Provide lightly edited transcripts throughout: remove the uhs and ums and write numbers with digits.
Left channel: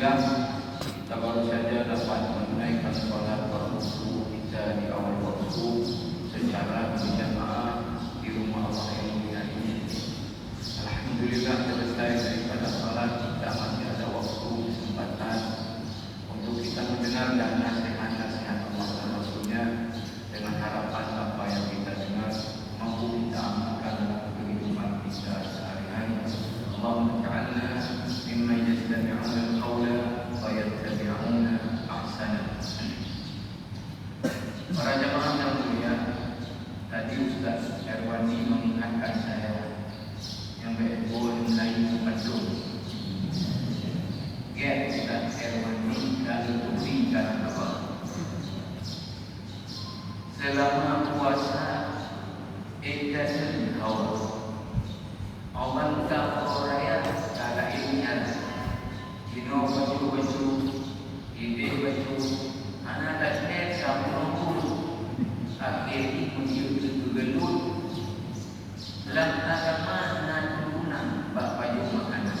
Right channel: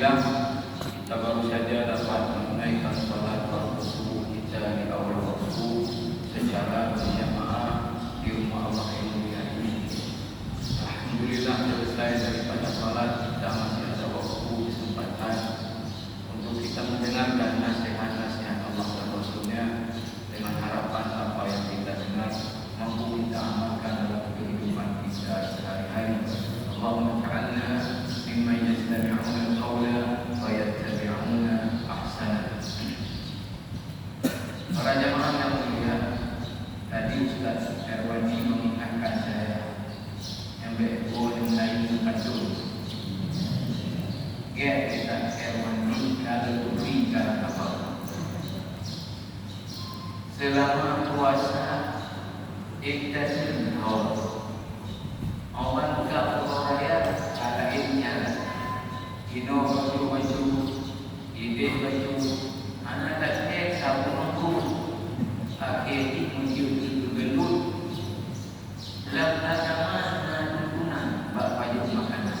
Alhamdulillah kita baru saja dapat menunaikan salat waktu kita di awal waktu secara berjamaah di rumah Allah yang mulia ini. Alhamdulillah selesai daripada salat kita masih ada waktu kesempatan untuk kita mendengarkan nasihat-nasihat Allah dan Rasulnya dengan harapan apa yang kita dengar mampu kita amalkan dalam kehidupan kita sehari-hari. Allahumma ja'alna mimman yastami'una al-qawla wa yattabi'una ahsana. Para jamaah yang mulia, tadi Ustaz Erwani mengingatkan saya yang betul mengenai betul. Ya, Ustaz Erwani kalau berikan apa? Selama puasa kita tahu awan ka oraya kada inya kino baju ide baju anak dan sabunku akhir menuju gelut lantaran nanuna bak baju makanan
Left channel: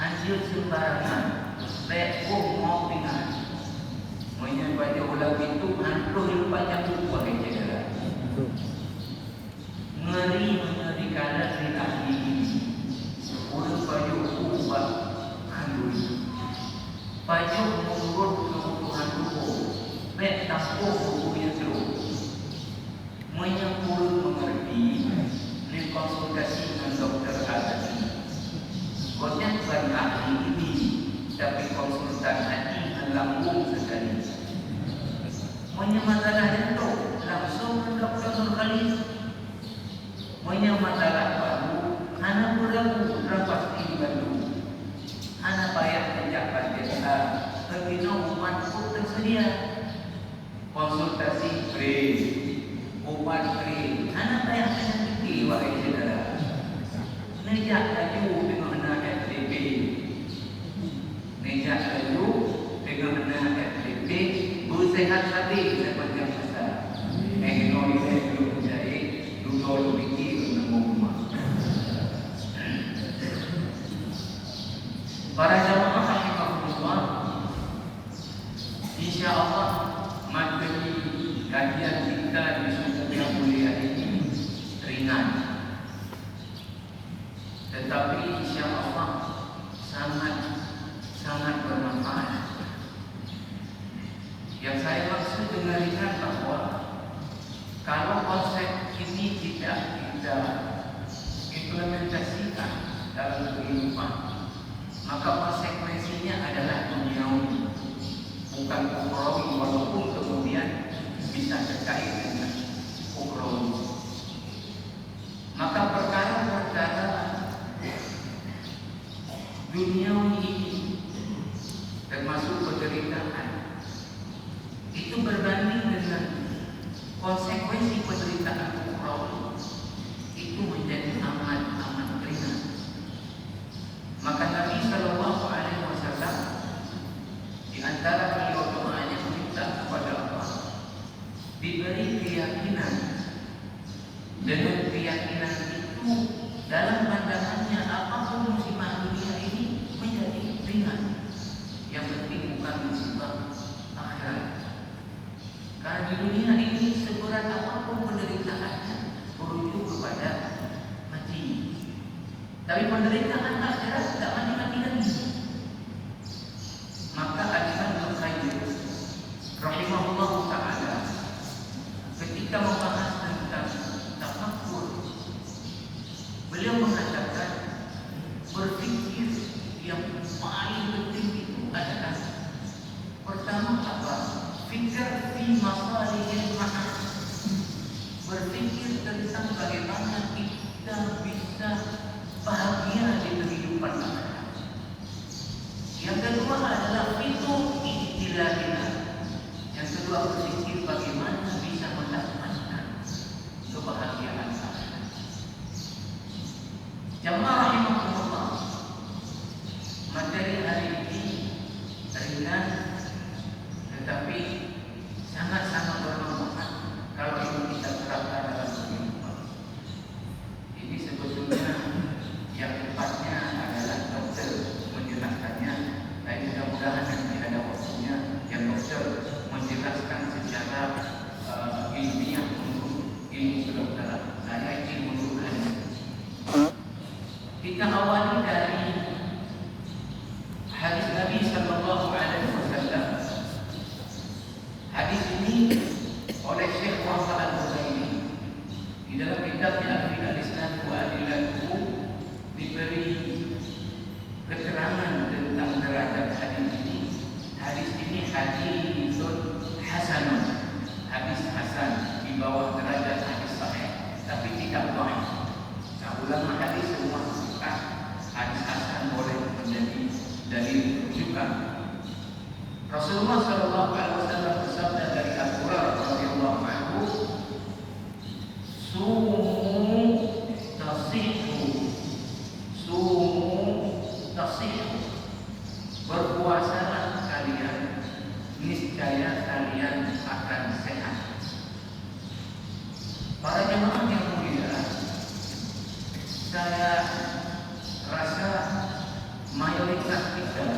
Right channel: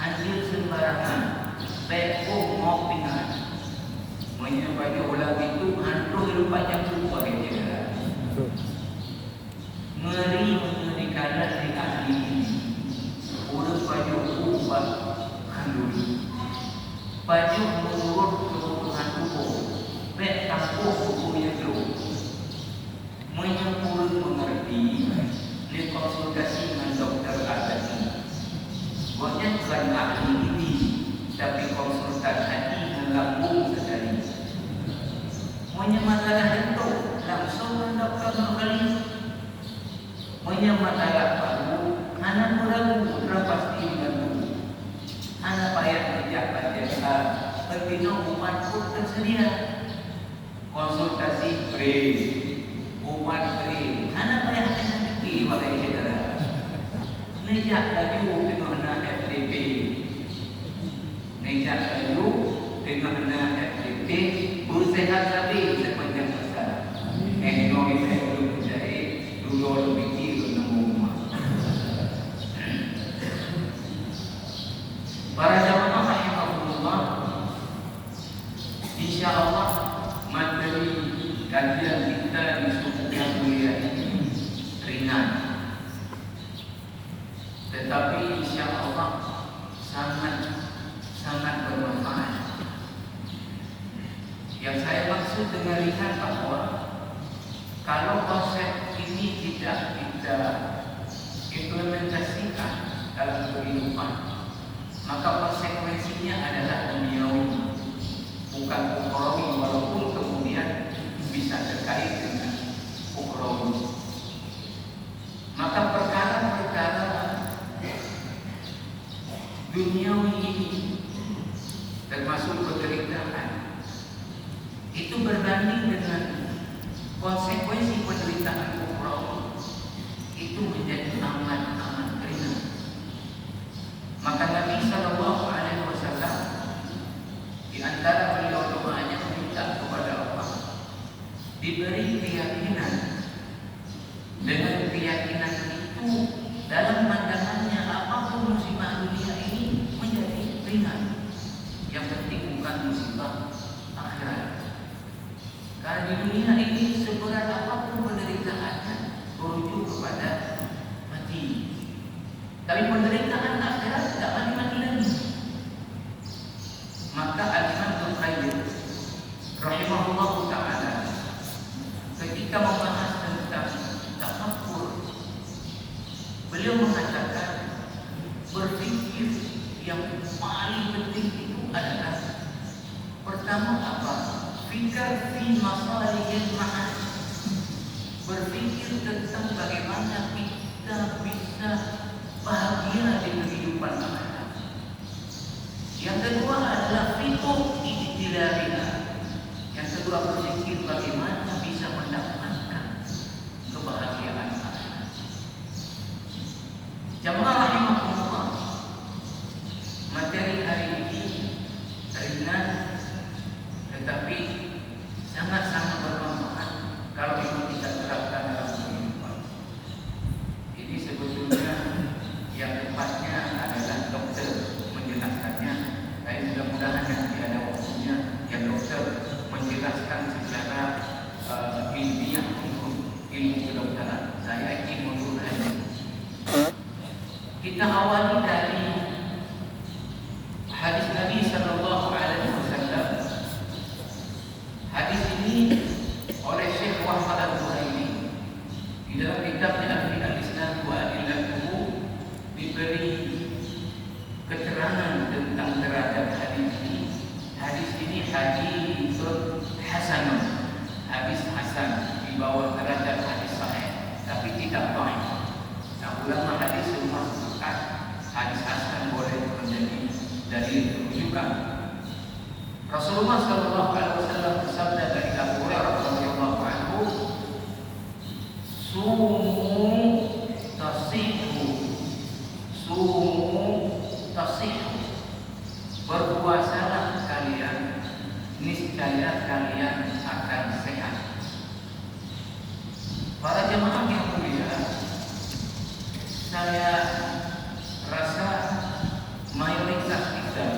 hasil sembarangan beko mau pingat menyebabkan ulah itu hantu lupanya buku bagi dia ngeri karena dari ahli ini udah baju ubah kandung baju menurut kebutuhan tubuh mek tampuk tubuhnya dulu menyempurna mengerti dikonsultasi dengan dokter ahli buatnya bukan ahli ini tapi konsultan hati melambung sekali punya masalah itu langsung ke dokter kembali punya masalah baru anak ragu pasti bantu anak payah kerjakan jasa terpindah umat pun tersedia konsultasi free umat free anak payah rezeki wahai saudara nejak laju dengan anak FDP nejak laju dengan anak FDP bersehat hati sepanjang masa Indonesia itu menjadi dulu lebih para jamaah rahimahullah, insyaallah materi kajian kita di suku yang mulia ini ringan, tetapi insyaallah sangat bermanfaat. Yang saya maksud dengan ringan bahwa kalau konsep ini tidak kita implementasikan dalam kehidupan, maka konsekuensinya adalah duniawi, bukan ukhrawi, walaupun kemudian bisa terkait dengan ukhrawi. Maka perkara-perkara duniawi ini termasuk penderitaan itu berbanding dengan konsekuensi penderitaan ukhrawi itu menjadi amat ringan. Maka Nabi Sallallahu Alaihi Wasallam di antara beliau doanya meminta kepada Allah diberi keyakinan. Dengan keyakinan itu dalam pandangannya apapun musibah dunia ini menjadi ringan. Yang penting bukan musibah akhirat. Karena di dunia ini seberat apapun penderitaannya merujuk kepada mati. Tapi penderitaan akhirat tidak mati lagi. Maka Al-Imam Al-Qayyim rahimahullah ta'ala ketika membahas tentang tafakkur, beliau mengatakan berpikir yang paling penting itu adalah pertama apa? Fikir fi masalihil ma'ad, berpikir tentang bagaimana kita bisa bahagia di kehidupan akhirat. Yang kedua adalah fiqh ijtilabina. Yang kedua berpikir bagaimana bisa mendapatkan ilmiah untuk ilmu kedokteran. Saya ilmu Quran. Kita awali dari hadis Nabi Sallallahu Alaihi Wasallam. Hadis ini oleh Syekh Wahab Al-Buhairi di dalam kitabnya Al-Isnad wa Adillatuhu diberi keterangan tentang derajat hadis ini. Hadis ini hadisun hasanun, hadis hasan, di bawah derajat hadis sahih, tapi tidak dhaif. Nah, ulama hadis semua sepakat hadis hasan boleh menjadi dalil rujukan. Rasulullah Sallallahu Alaihi Wasallam bersabda dari Abu Hurairah radhiyallahu anhu, "Sumu tasihu, sumu tasihu." Berpuasalah kalian, niscaya kalian akan sehat. Para jemaah yang mulia, saya rasa mayoritas kita,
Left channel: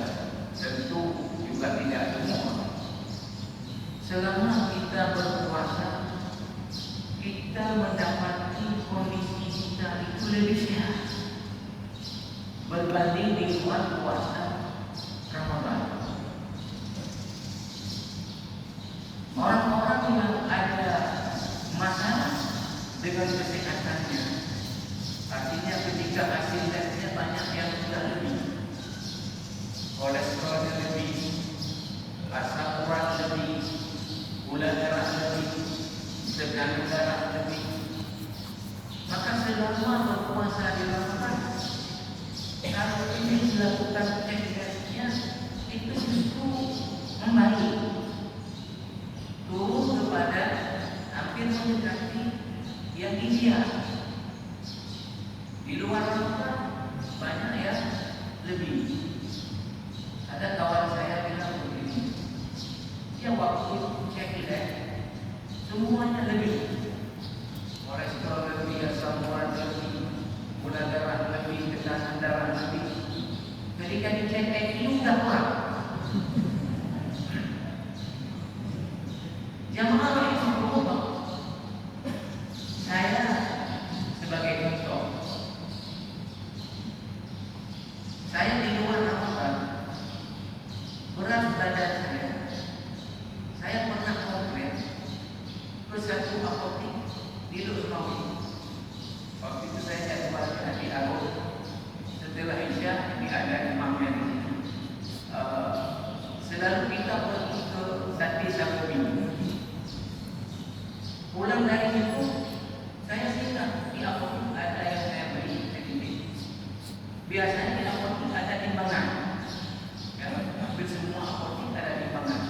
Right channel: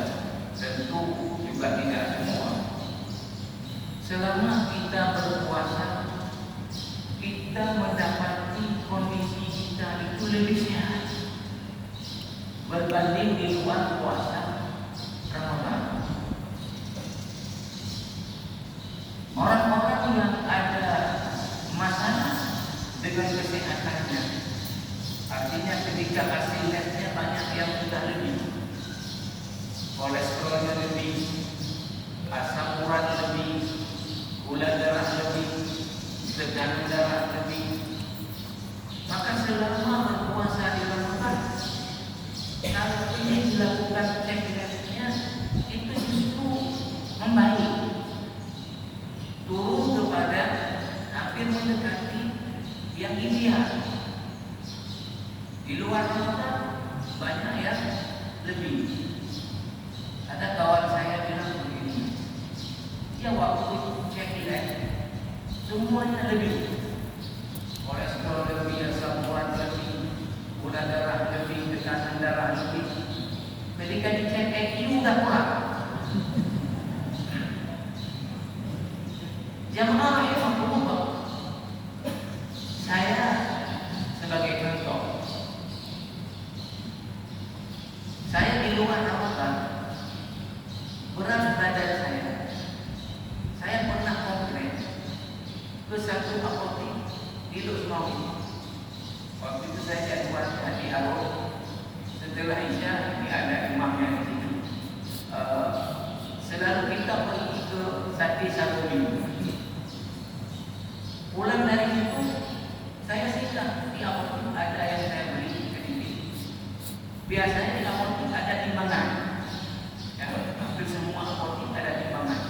tentu juga tidak semua, selama kita berpuasa, kita mendapati kondisi kita itu lebih sehat berbanding di luar puasa Ramadan. Orang-orang yang ada masalah dengan kesehatannya, artinya ketika hasil tesnya banyak yang sudah lebih, kolesterolnya lebih, asam urat lebih, gula darah lebih, tekanan darah lebih, maka selama berpuasa di Ramadan, kalau ini dilakukan cek-ceknya, itu justru membaik, turun kepada hampir mendekati yang ideal. Di luar Ramadan banyak yang lebih. Ada kawan saya bilang begini, dia waktu cek semuanya lebih, kolesterol lebih, asam urat lebih, gula darah lebih, tekanan darah lebih. Ketika dicek IQ udah kurang. Jamaah rahimahullah, saya sebagai contoh, saya di luar Ramadan, berat badan saya pernah komplain ke satu apotek di Lusnawi. Waktu itu saya jadwal di Arab, setelah Isya ini ada imamnya di sini. Selalu kita pergi ke Sati Sakobi. Pulang dari situ, saya singgah di apotek, ada yang saya beli sedikit. Biasanya di apotek ada timbangan, ya, hampir semua apotek ada timbangan.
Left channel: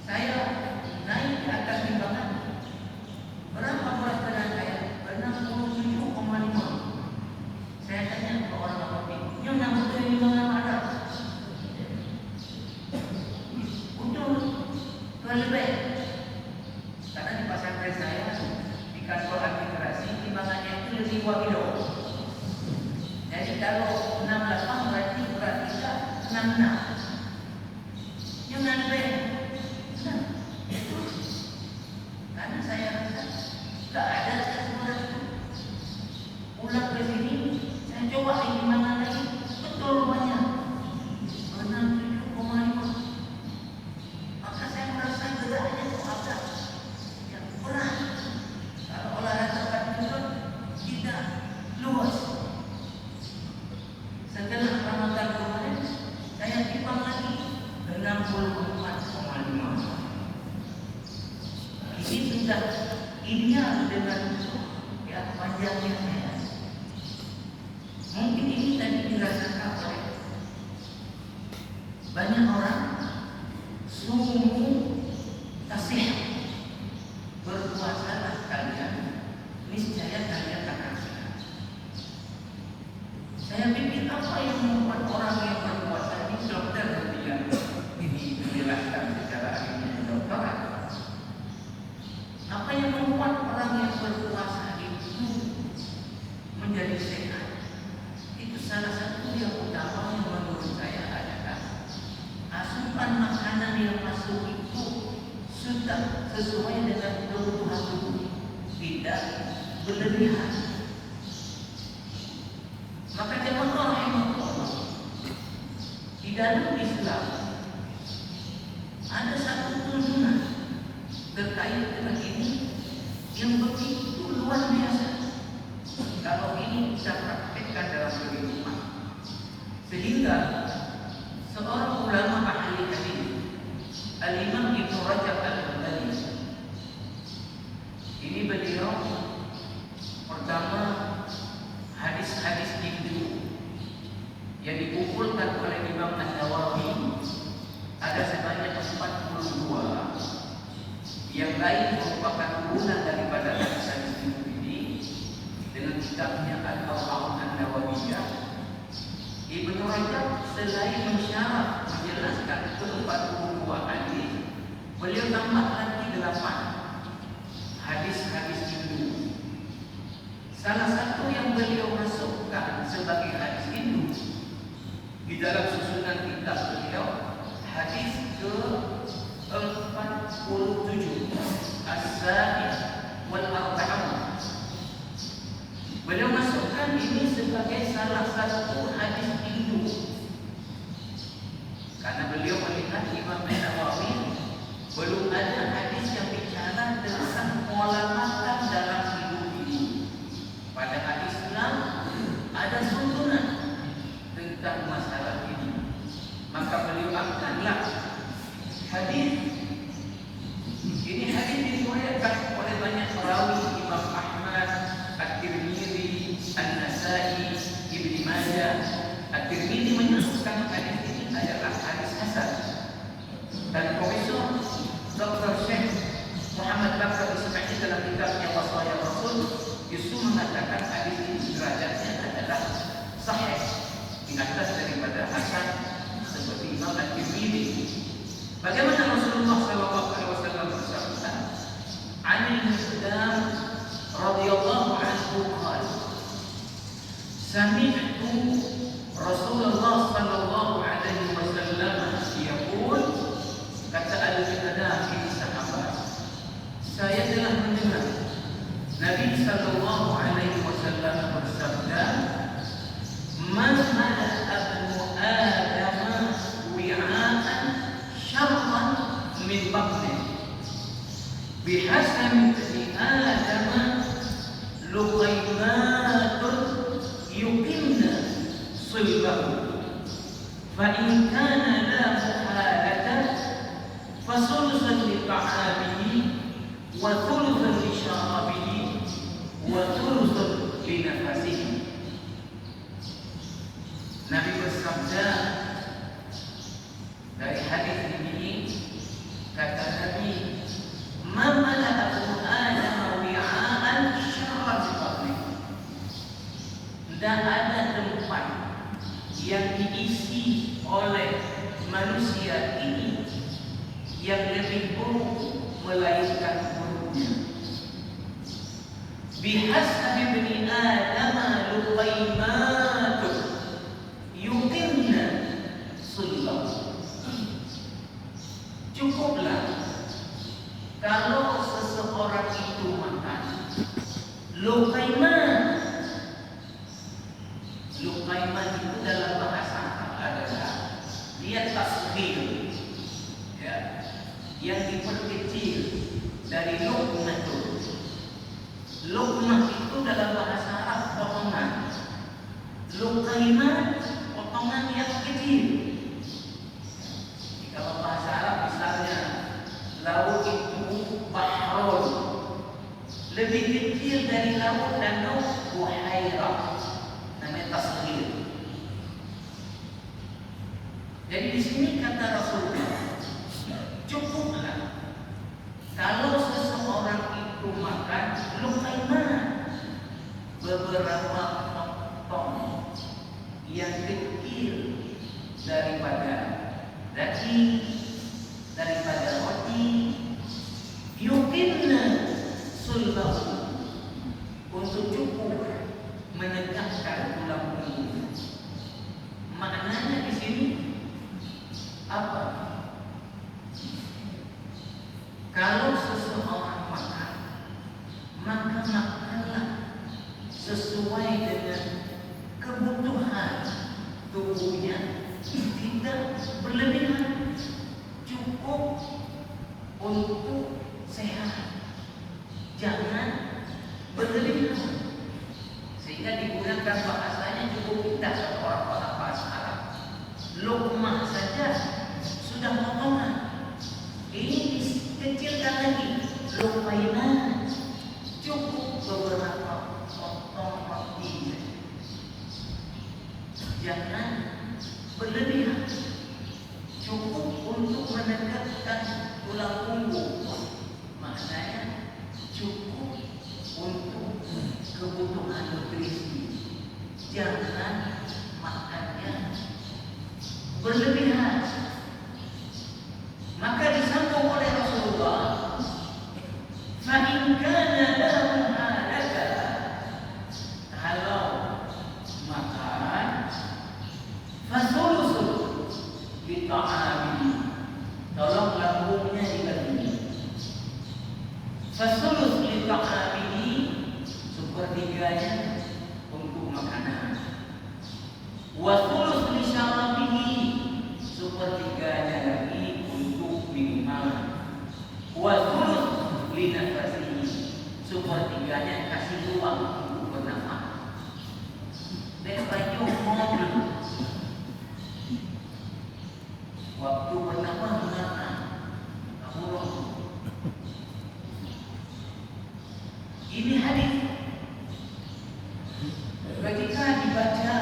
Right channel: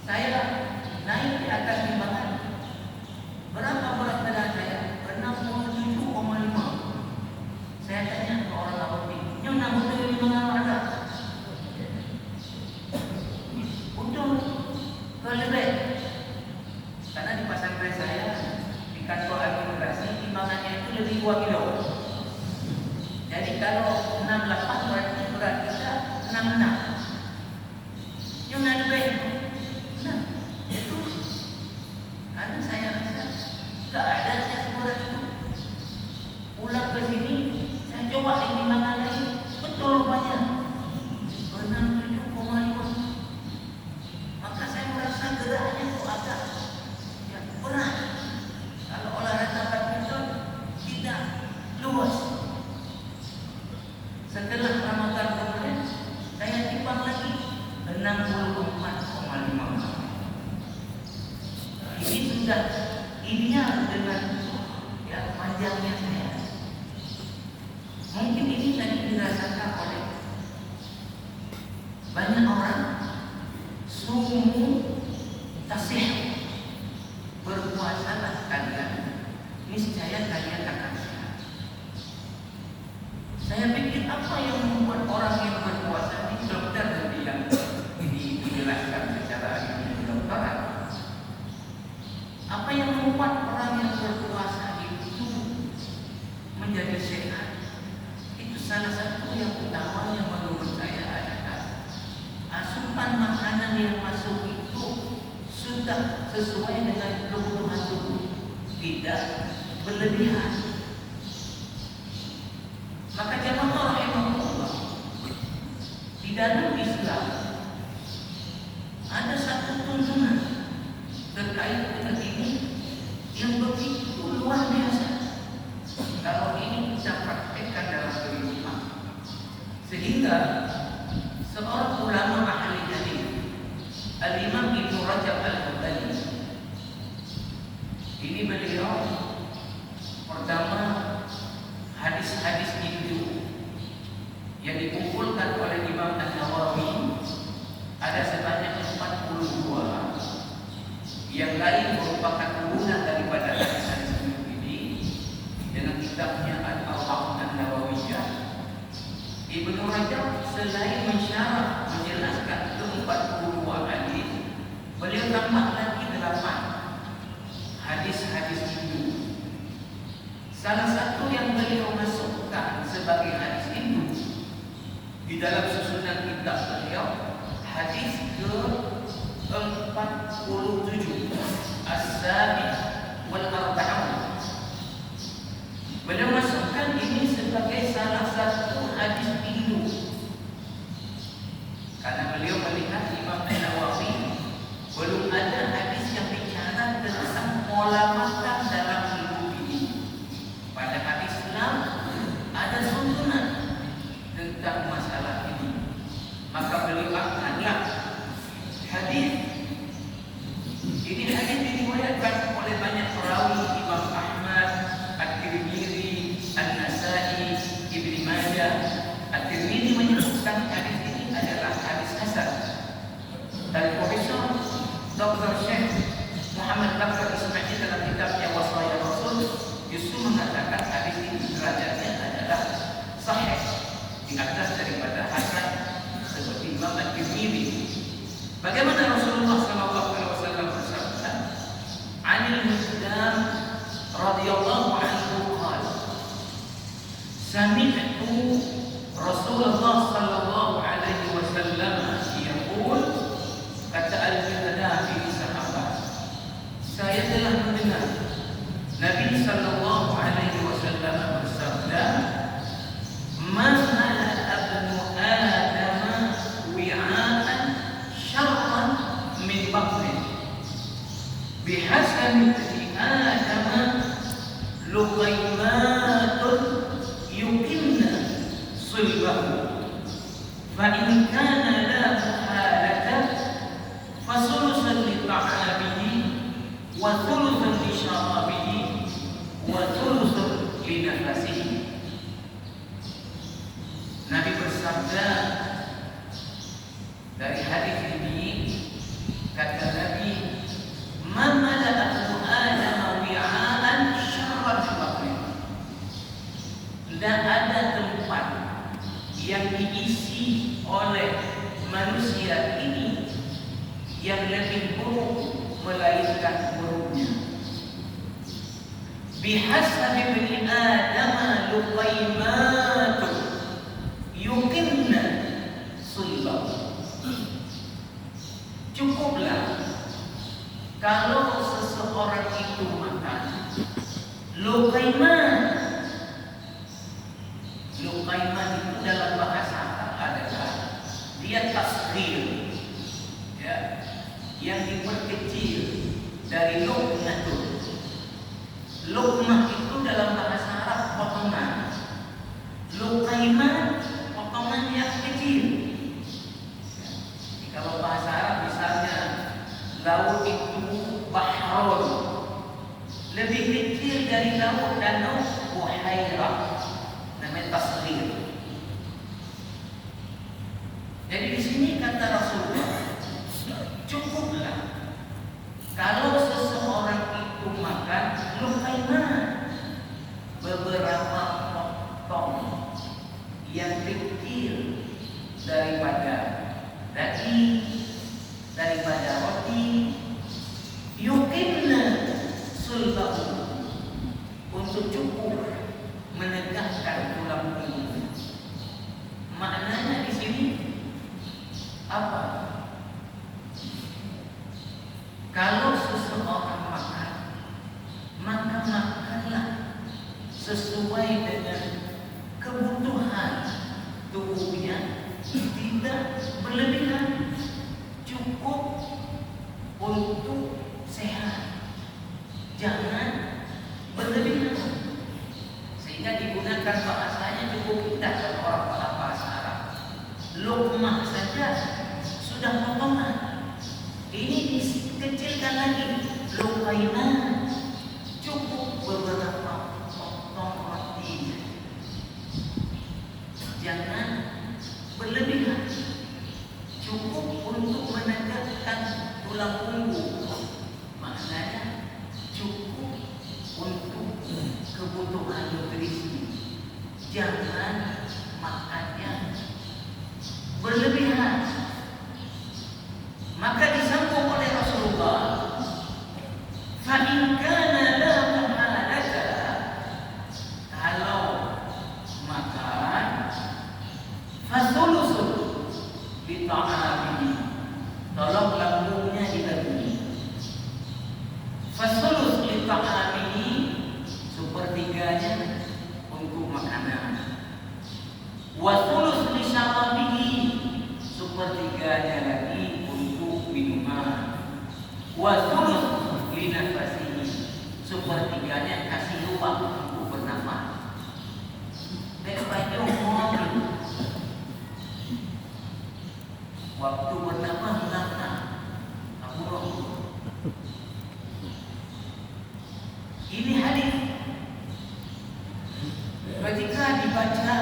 Saya naik di atas timbangan. Berapa berat badan saya? 67,5. Saya tanya ke orang apotek, yang nama dari timbangan ada? Betul, lebih. Karena di pesantren saya, di kantor administrasi, timbangannya itu lebih 2 kilo. Jadi kalau 68 berarti berat kita 66. Yang lebih. Nah, itu karena saya rasa tak ada saya seberat itu. Pulang ke sini, saya coba timbangan lagi, betul banyak 67,5. Maka saya merasa geraknya itu agak berat. Kalau olahraga badminton tidak luas. Setelah Ramadan kemarin, saya timbang lagi 64,5. Ini sudah ideal dengan panjangnya saya. Mungkin ini tadi dirasakan oleh banyak orang. Sumu tasih, berpuasalah kalian, niscaya kalian akan sehat. Saya pikir apa yang membuat orang yang berpuasa ini, dokter tadi yang dijelaskan secara ilmu kedokteran. Apa yang membuat orang yang berpuasa itu menjadi sehat? Itu salah satu yang utama yang menurut saya adalah menyembelih. Maka jamaah rahimahullah, di dalam Islam ada satu tuntunan terkait dengan ini yang begitu luar biasa. Kalau ini kita praktekkan dalam kehidupan, sehingga seorang ulama ahli hadis, Al-Imam Ibnu Rajab Al-Hanbali, ini beliau pertama hadis-hadis Hindu yang dikumpulkan oleh Imam An-Nawawi ada sebanyak 42, yang lain merupakan urunan daripada hadis-hadis Hindu ini dengan kitabnya Al-Arba'un An-Nawawiyah. Ibnu Rajab selain mensyarah menjelaskan ke-42 hadis, beliau tambah lagi 8 hadis-hadis Hindu. Salah satu yang beliau masukkan sebagai hadis Hindu di dalam susunan kitab beliau, hadis ke-47, As-Sabi wal Arba'un. Beliau masukkan ini sebagai salah satu hadis Hindu karena beliau melihat Imam An-Nawawi belum ada hadis yang bicara tentang pola makan dalam hidup ini. Pada hadis Islam ada tuntunan tentang masalah ini, maka beliau angkatlah hadis ini. Hadis diriwayatkan oleh banyak perawi, Imam Ahmad, At-Tirmidzi, An-Nasa'i, Ibnu Majah. At-Tirmidzi menyebutkan hadis ini adalah hadis hasan. Dan Profesor Dr. Syekh Muhammad Bakar Ismail dalam kitabnya Wasaya Rasul justru mengatakan hadis ini derajatnya adalah sahih, di atas daripada hasan seperti Imam At-Tirmidzi. Bagaimana Rasulullah SAW bersabda, "Anil Miqdam radhiyallahu anhu qala, sami'tu Rasulullah sallallahu alaihi wasallam yaqul," kata Al-Miqdam bin sahabat, saya telah mendengar Nabi sallallahu alaihi wasallam bersabda, "Man ala abnu Adam wi'an syarran min batni, bihasan ibni Adam luqaymatun yuqimna sulbahu, fa in kana la muhalata fasulusan li ta'amihi wa thuluthan li syarabihi wa thuluthan li nafasihi." Nabi bersabda dari hadis ini, kata Nabi, "Man mala'ahu Adam wi'an syarran min batni." Dan ada tempat yang diisi oleh manusia ini yang lebih buruk melainkan buruknya. Bihasabi bani Adam luqaymatun yuqimna sulbah. Cukuplah kalau seseorang itu makan luqaymat. Luqaymat itu dalam bahasa Arab adalah dia tasghir, ya, yang diperkecil dari luqmatun. Luqmah itu dalam bahasa Arab potongan. Luqaymat potongan yang kecil. Kalau bahasa Arab misalnya laut itu bahrul, lebih kecil dari laut danau buhairah, namanya tasghir. Jadi di sini kata Rasulullah, cukuplah kalau seseorang itu makan luqaymat, beberapa potong yang kecil daripada daging, daripada roti, yuqimna sulbahu, untuk cukup menegakkan tulang punggung. Maknanya di sini apa? Kalau seseorang makan, maka makanlah tubuhnya tidak berlebihan, cukup untuk sehat, jangan berlebihan. Sehingga digunakan bahasanya cukup indah kalau orang bahasa Arab. Luqmah saja sudah potongan. Ini dikecilkan lagi, luqainah, cukup beberapa potong roti. Jangan berlebihan, cukup untuk menegakkan tulang punggung. Maknanya cukup untuk kebutuhan nutrisi. Jangan makannya berlebihan. Maka disambung oleh Rasulullah, fa in kana lahu halaka, kalau makan fasulusun li ta'amihi, tolong lambungnya dibagi. Fasulus li ta'amihi, sepertiganya untuk makanan. Wasulus li syarabihi, sepertiganya lagi untuk minuman. Wasulus li nafasihi, sepertiganya kasih ruang untuk bernafas. Daripada mobil, waktu bernafas lama, amurung. Ini hadis ketika dibaca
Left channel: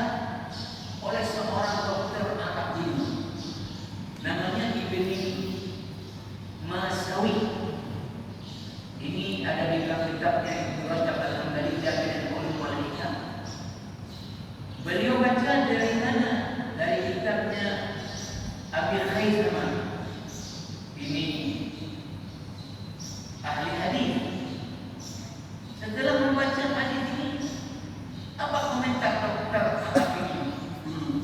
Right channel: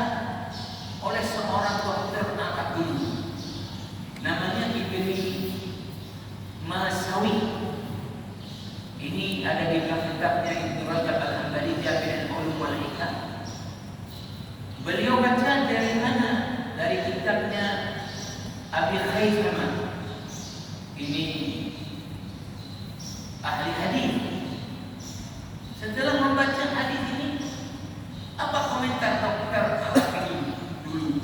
oleh seorang dokter Arab dulu, namanya Ibni Masawi. Ini ada di dalam kitabnya Ibnu Rajab Al-Hambali, Jami' al-Ulum wal Hikam. Beliau baca dari mana? Dari kitabnya Abi Khaisama. Ini ahli hadis. Setelah membaca hadis ini, apa komentar dokter Arab ini dulu?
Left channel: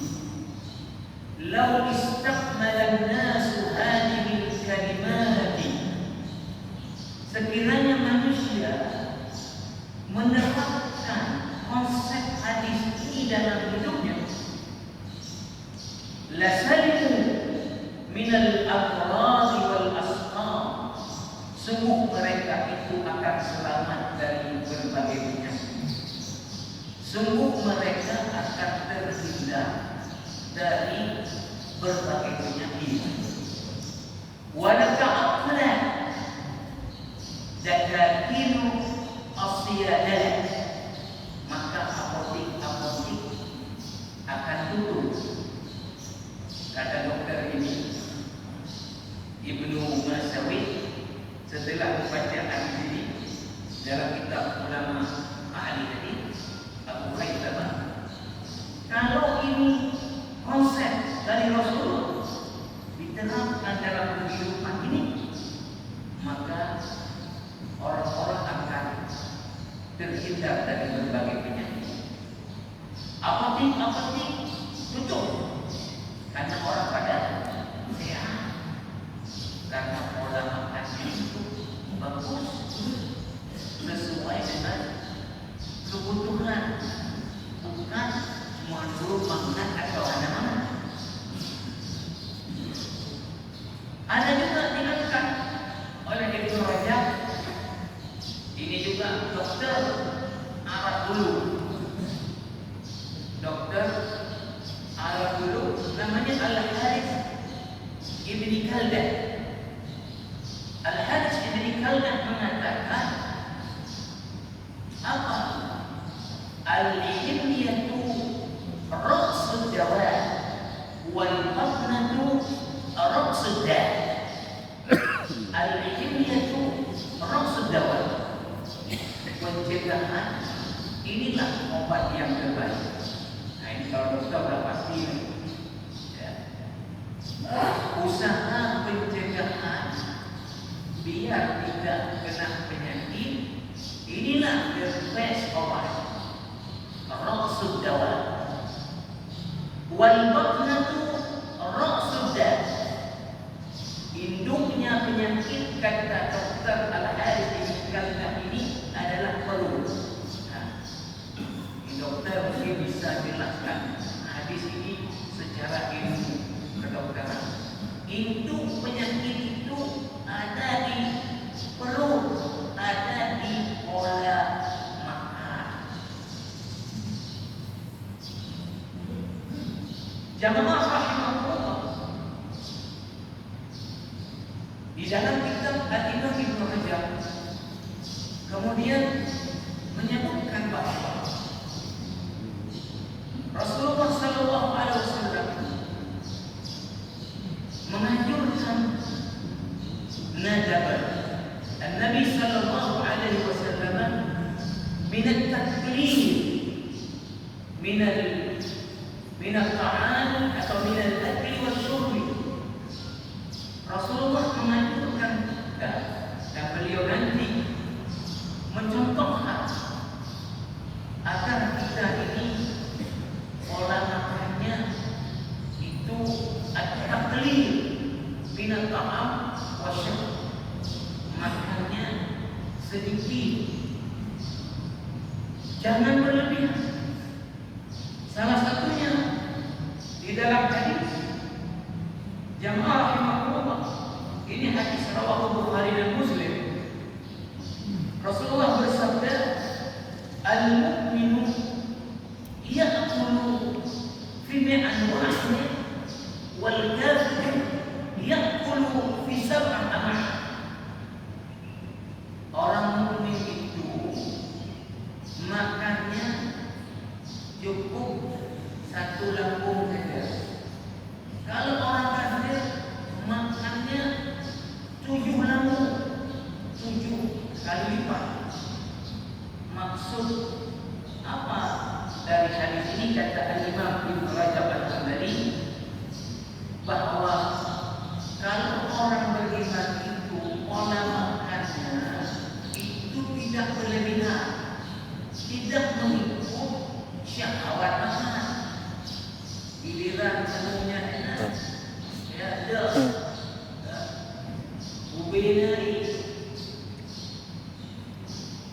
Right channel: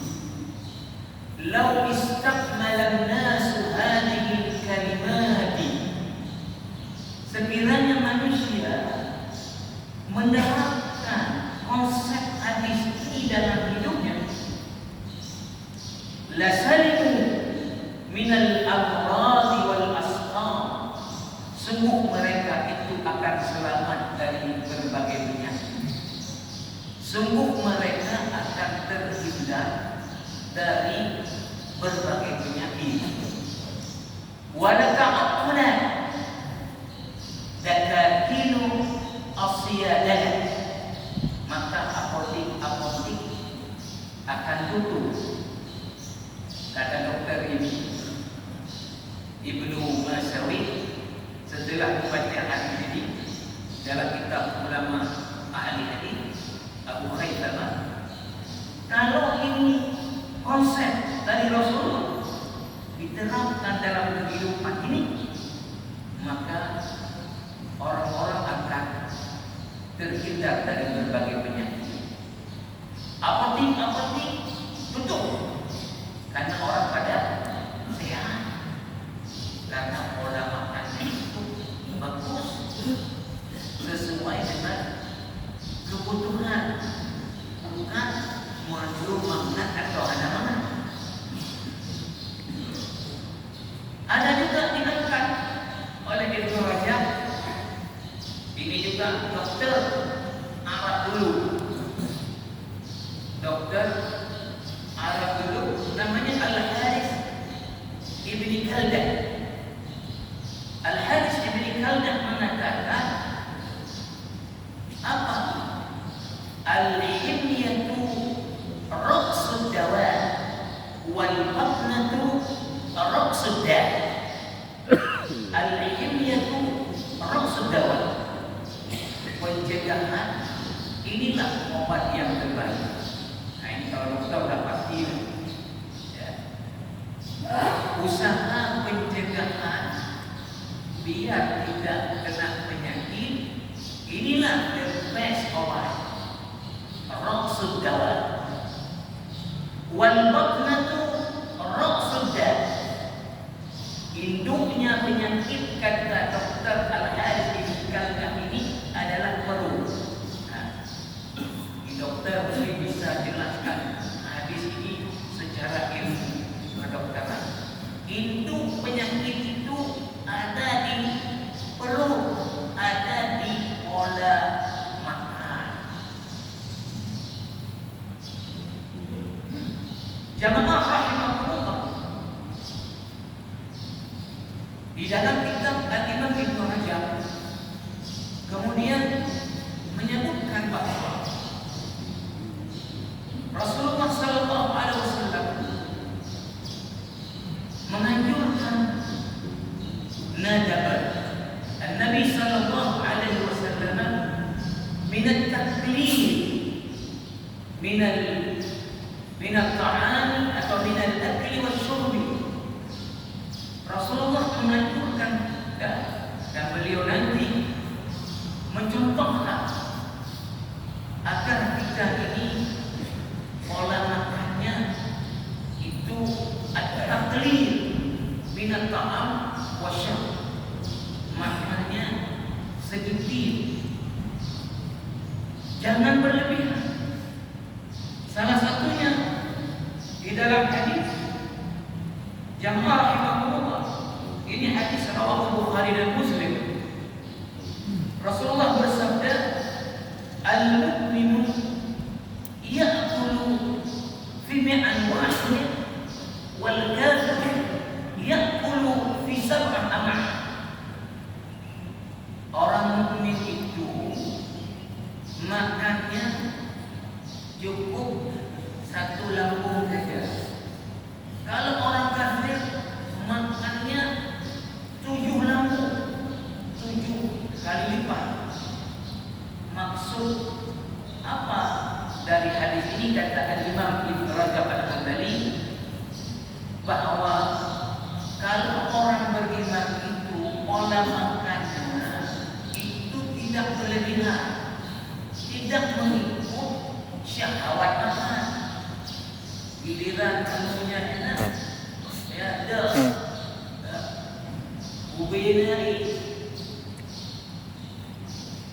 Lau istakmala an-nasu hadhihi al-kalimati, sekiranya manusia menerapkan konsep hadis ini dalam hidupnya, la salimu minal amradi wal asqam, sungguh mereka itu akan selamat dari berbagai penyakit. Sungguh mereka akan terhindar dari berbagai penyakit. Walata'aqna dakatilu asyadah, maka apotik-apotik akan turun. Kata dokter ini, Ibnu Masawi, setelah membaca hadis ini dalam kitab ulama ahli hadis Abu Khaisama, kalau ini konsep dari Rasul diterapkan dalam kehidupan ini, maka orang-orang akan terhindar dari berbagai penyakit. Apotik-apotik betul, karena orang pada sehat, karena pola makannya itu bagus, sesuai dengan kebutuhan, bukan menurut makna atau mana-mana. Ada juga dikatakan oleh Ibnu Rajab, ini juga dokter Arab dulu, dokter Arab dulu, namanya Al-Harith Ibni Kaldah. Al-Harith Ibni Kaldah mengatakan apa? Al-himyatu raqsud dawa wal batnatu raqsud da. Al-himyatu raqsud dawa, pencegahan inilah obat yang terbaik. Nah, ini kalau kita sudah pasti ya. Usaha pencegahan biar tidak kena penyakit, inilah the best obat. Raqsud dawa wal batnatu raqsud da, induknya penyakit, kata dokter Al-Harith Ibni Kaldah ini adalah perut. Nah, dokter mesti bisa jelaskan hadis ini Jamaah rahimahullah, di dalam kitab Al-Imam Ibnu Hajar kemudian menyebutkan bahwa Rasulullah sallallahu alaihi wasallam menganjurkan nadab Nabi sallallahu alaihi wasallam min at-taqlid min al-ta'am atau min al-akli wasyurbi. Rasulullah menganjurkan dan beliau nanti mencontohkan agar kita ini pola makannya itu at-taqlid min al-ta'am wasyurbi, makannya sedikit, jangan berlebihan. Salah satunya di dalam hadis jamaah rahimahullah, ini hadis rawahu Bukhari dan Muslim. Rasulullah bersabda, al-mu'minu ya'kulu fi mi'an wahid wal kafir ya'kulu fi sab'ah am'ah. Orang mukmin itu makannya cukup satu lambung saja. Kalau orang kafir makannya 7 lambung, 7 kali lipat. Maksud apa dari hadis ini? Kata Imam Ibnu Rajab Al-Hanbali bahwa kalau orang beriman itu pola makannya itu tidak berlebihan, tidak mengikut syahwat makan. Giliran kamunya enak, ya ada ubena ini,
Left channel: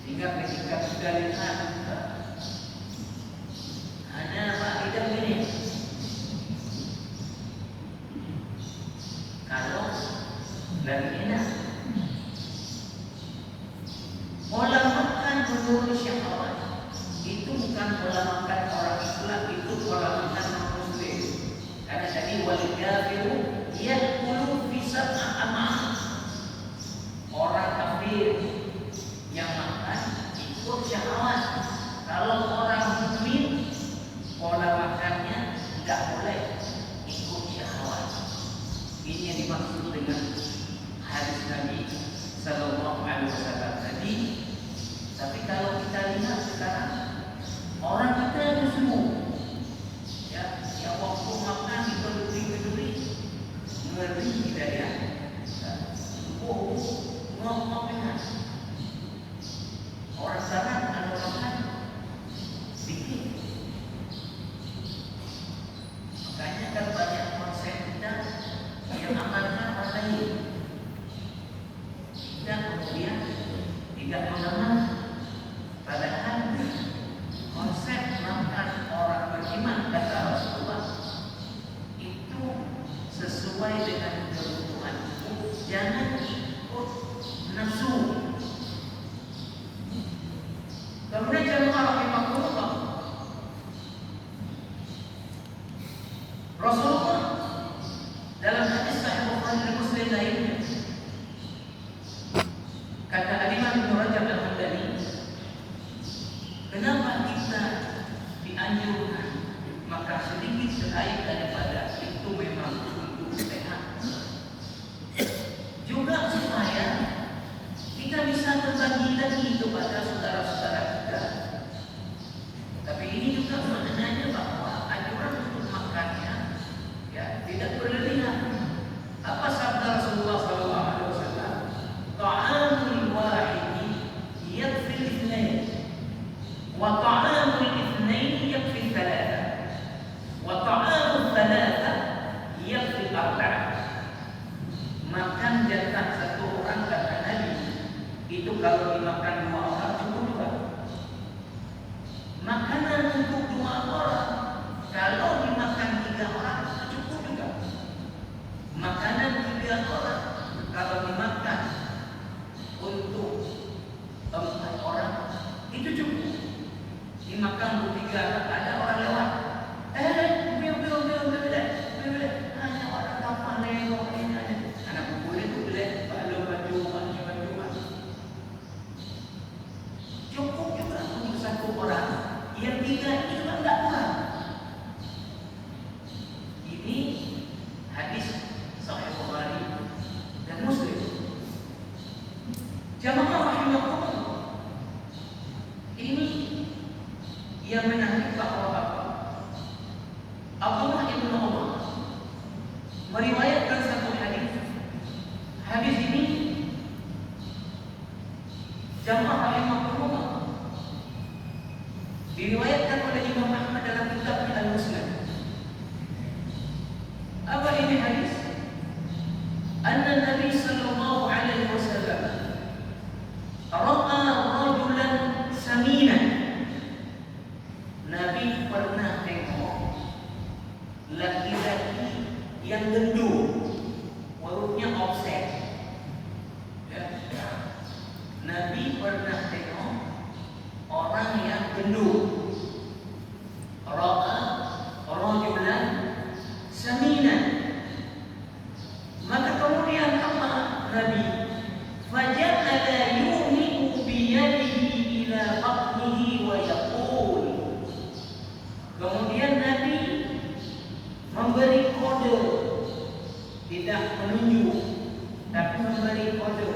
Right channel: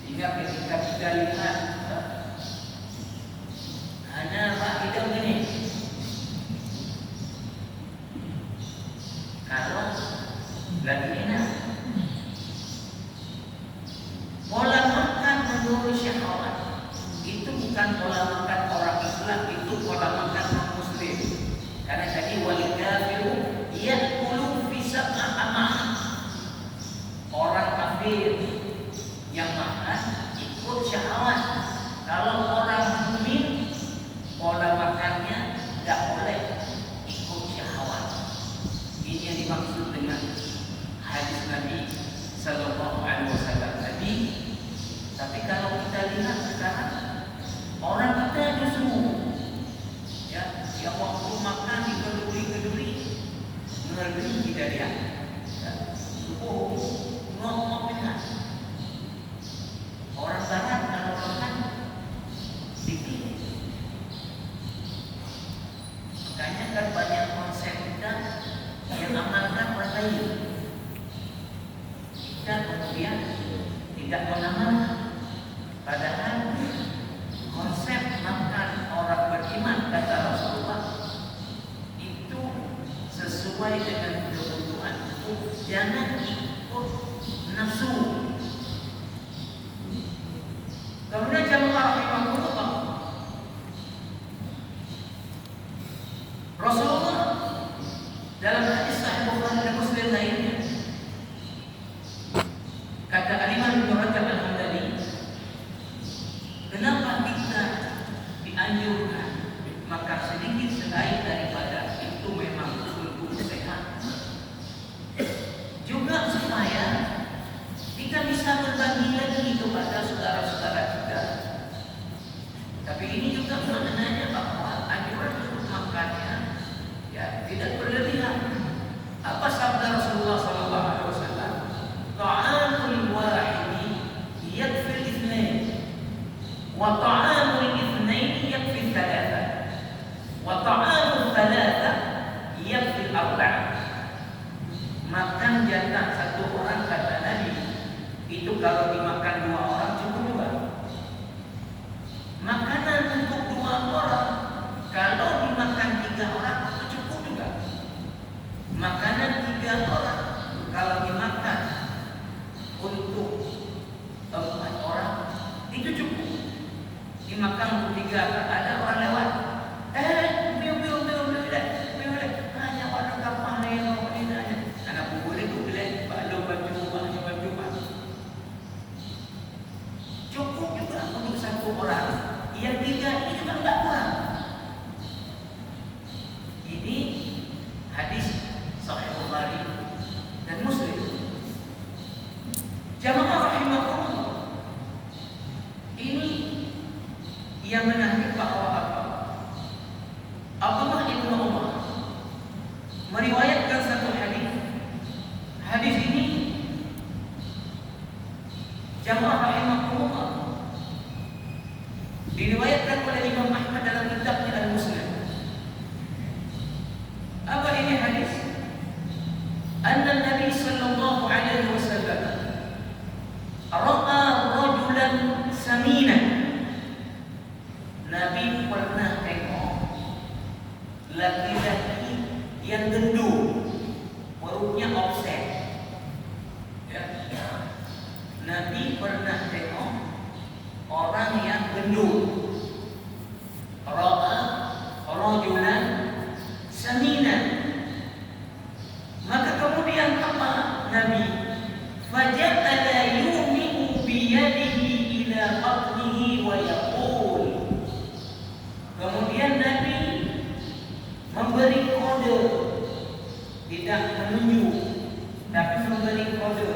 sehingga ketika kita lihat hanya Pak Idam ini, kalau lagi enak, pola makan menurut syahwat itu bukan pola makan orang Islam, itu pola makan orang Muslim. Karena tadi wal kafiru ya'kulu fi sab'ah am'ah. Orang kafir yang makan ikut syahwat. Kalau orang mukmin pola makannya tidak boleh ikut syahwat. Ini yang dimaksud dengan hadis Nabi sallallahu alaihi wasallam tadi. Tapi kalau kita lihat sekarang, orang kita yang semua, ya, yang waktu makan dipeduli-peduli, ngeri tidak dia, subuh ngomong-ngomongan. Orang barat kalau makan dikit. Makanya kan banyak konsep kita yang amalkan orang lain. Kita kemudian tidak mengenal. Padahal konsep makan orang beriman kata Rasulullah itu sesuai dengan kebutuhan. Jangan ikut nafsu. Kemudian jamaah rahimahullah, Rasulullah dalam hadis Sahih Bukhari dan Muslim lainnya kata Imam Ibnu Rajab Al-Hanbali, kenapa kita dianjurkan makan sedikit selain daripada itu memang untuk sehat, juga supaya kita bisa berbagi lagi kepada saudara-saudara kita. Tapi ini juga maknanya bahwa anjuran untuk makannya ya tidak berlebihan. Apa sabda Rasulullah sallallahu alaihi wasallam? Ta'amul wahidi yakfil itsnain wa ta'amul itsnain yakfil thalatha wa ta'amul thalatha yakfil arba'a. Makan jatah satu orang kata Nabi itu kalau dimakan 2 orang cukup 2. Makanan untuk 2 orang kalau dimakan 3 orang cukup juga. Makanan 3 orang kalau dimakan untuk 4 orang itu cukup. yang menarik bahwa apa? Abdullah bin Umar meriwayatkan satu hadis. Hadis ini jamaah rahimahullah diriwayatkan oleh Imam Ahmad dalam kitabnya Al-Musnad. Apa ini hadis? Anna Nabi sallallahu alaihi wasallam ra'a rajulan saminan. Nabi pernah tengok laki-laki yang gendut, perutnya offset. Ya. Nabi pernah tengok orang yang gendut. Ra'a rajulan saminan. Maka kemudian apa Nabi? Faja'ala yumi'u biyadihi ila batnihi wa yaqul. Kemudian Nabi memberi kode, tidak menunjuk, tapi memberi kode.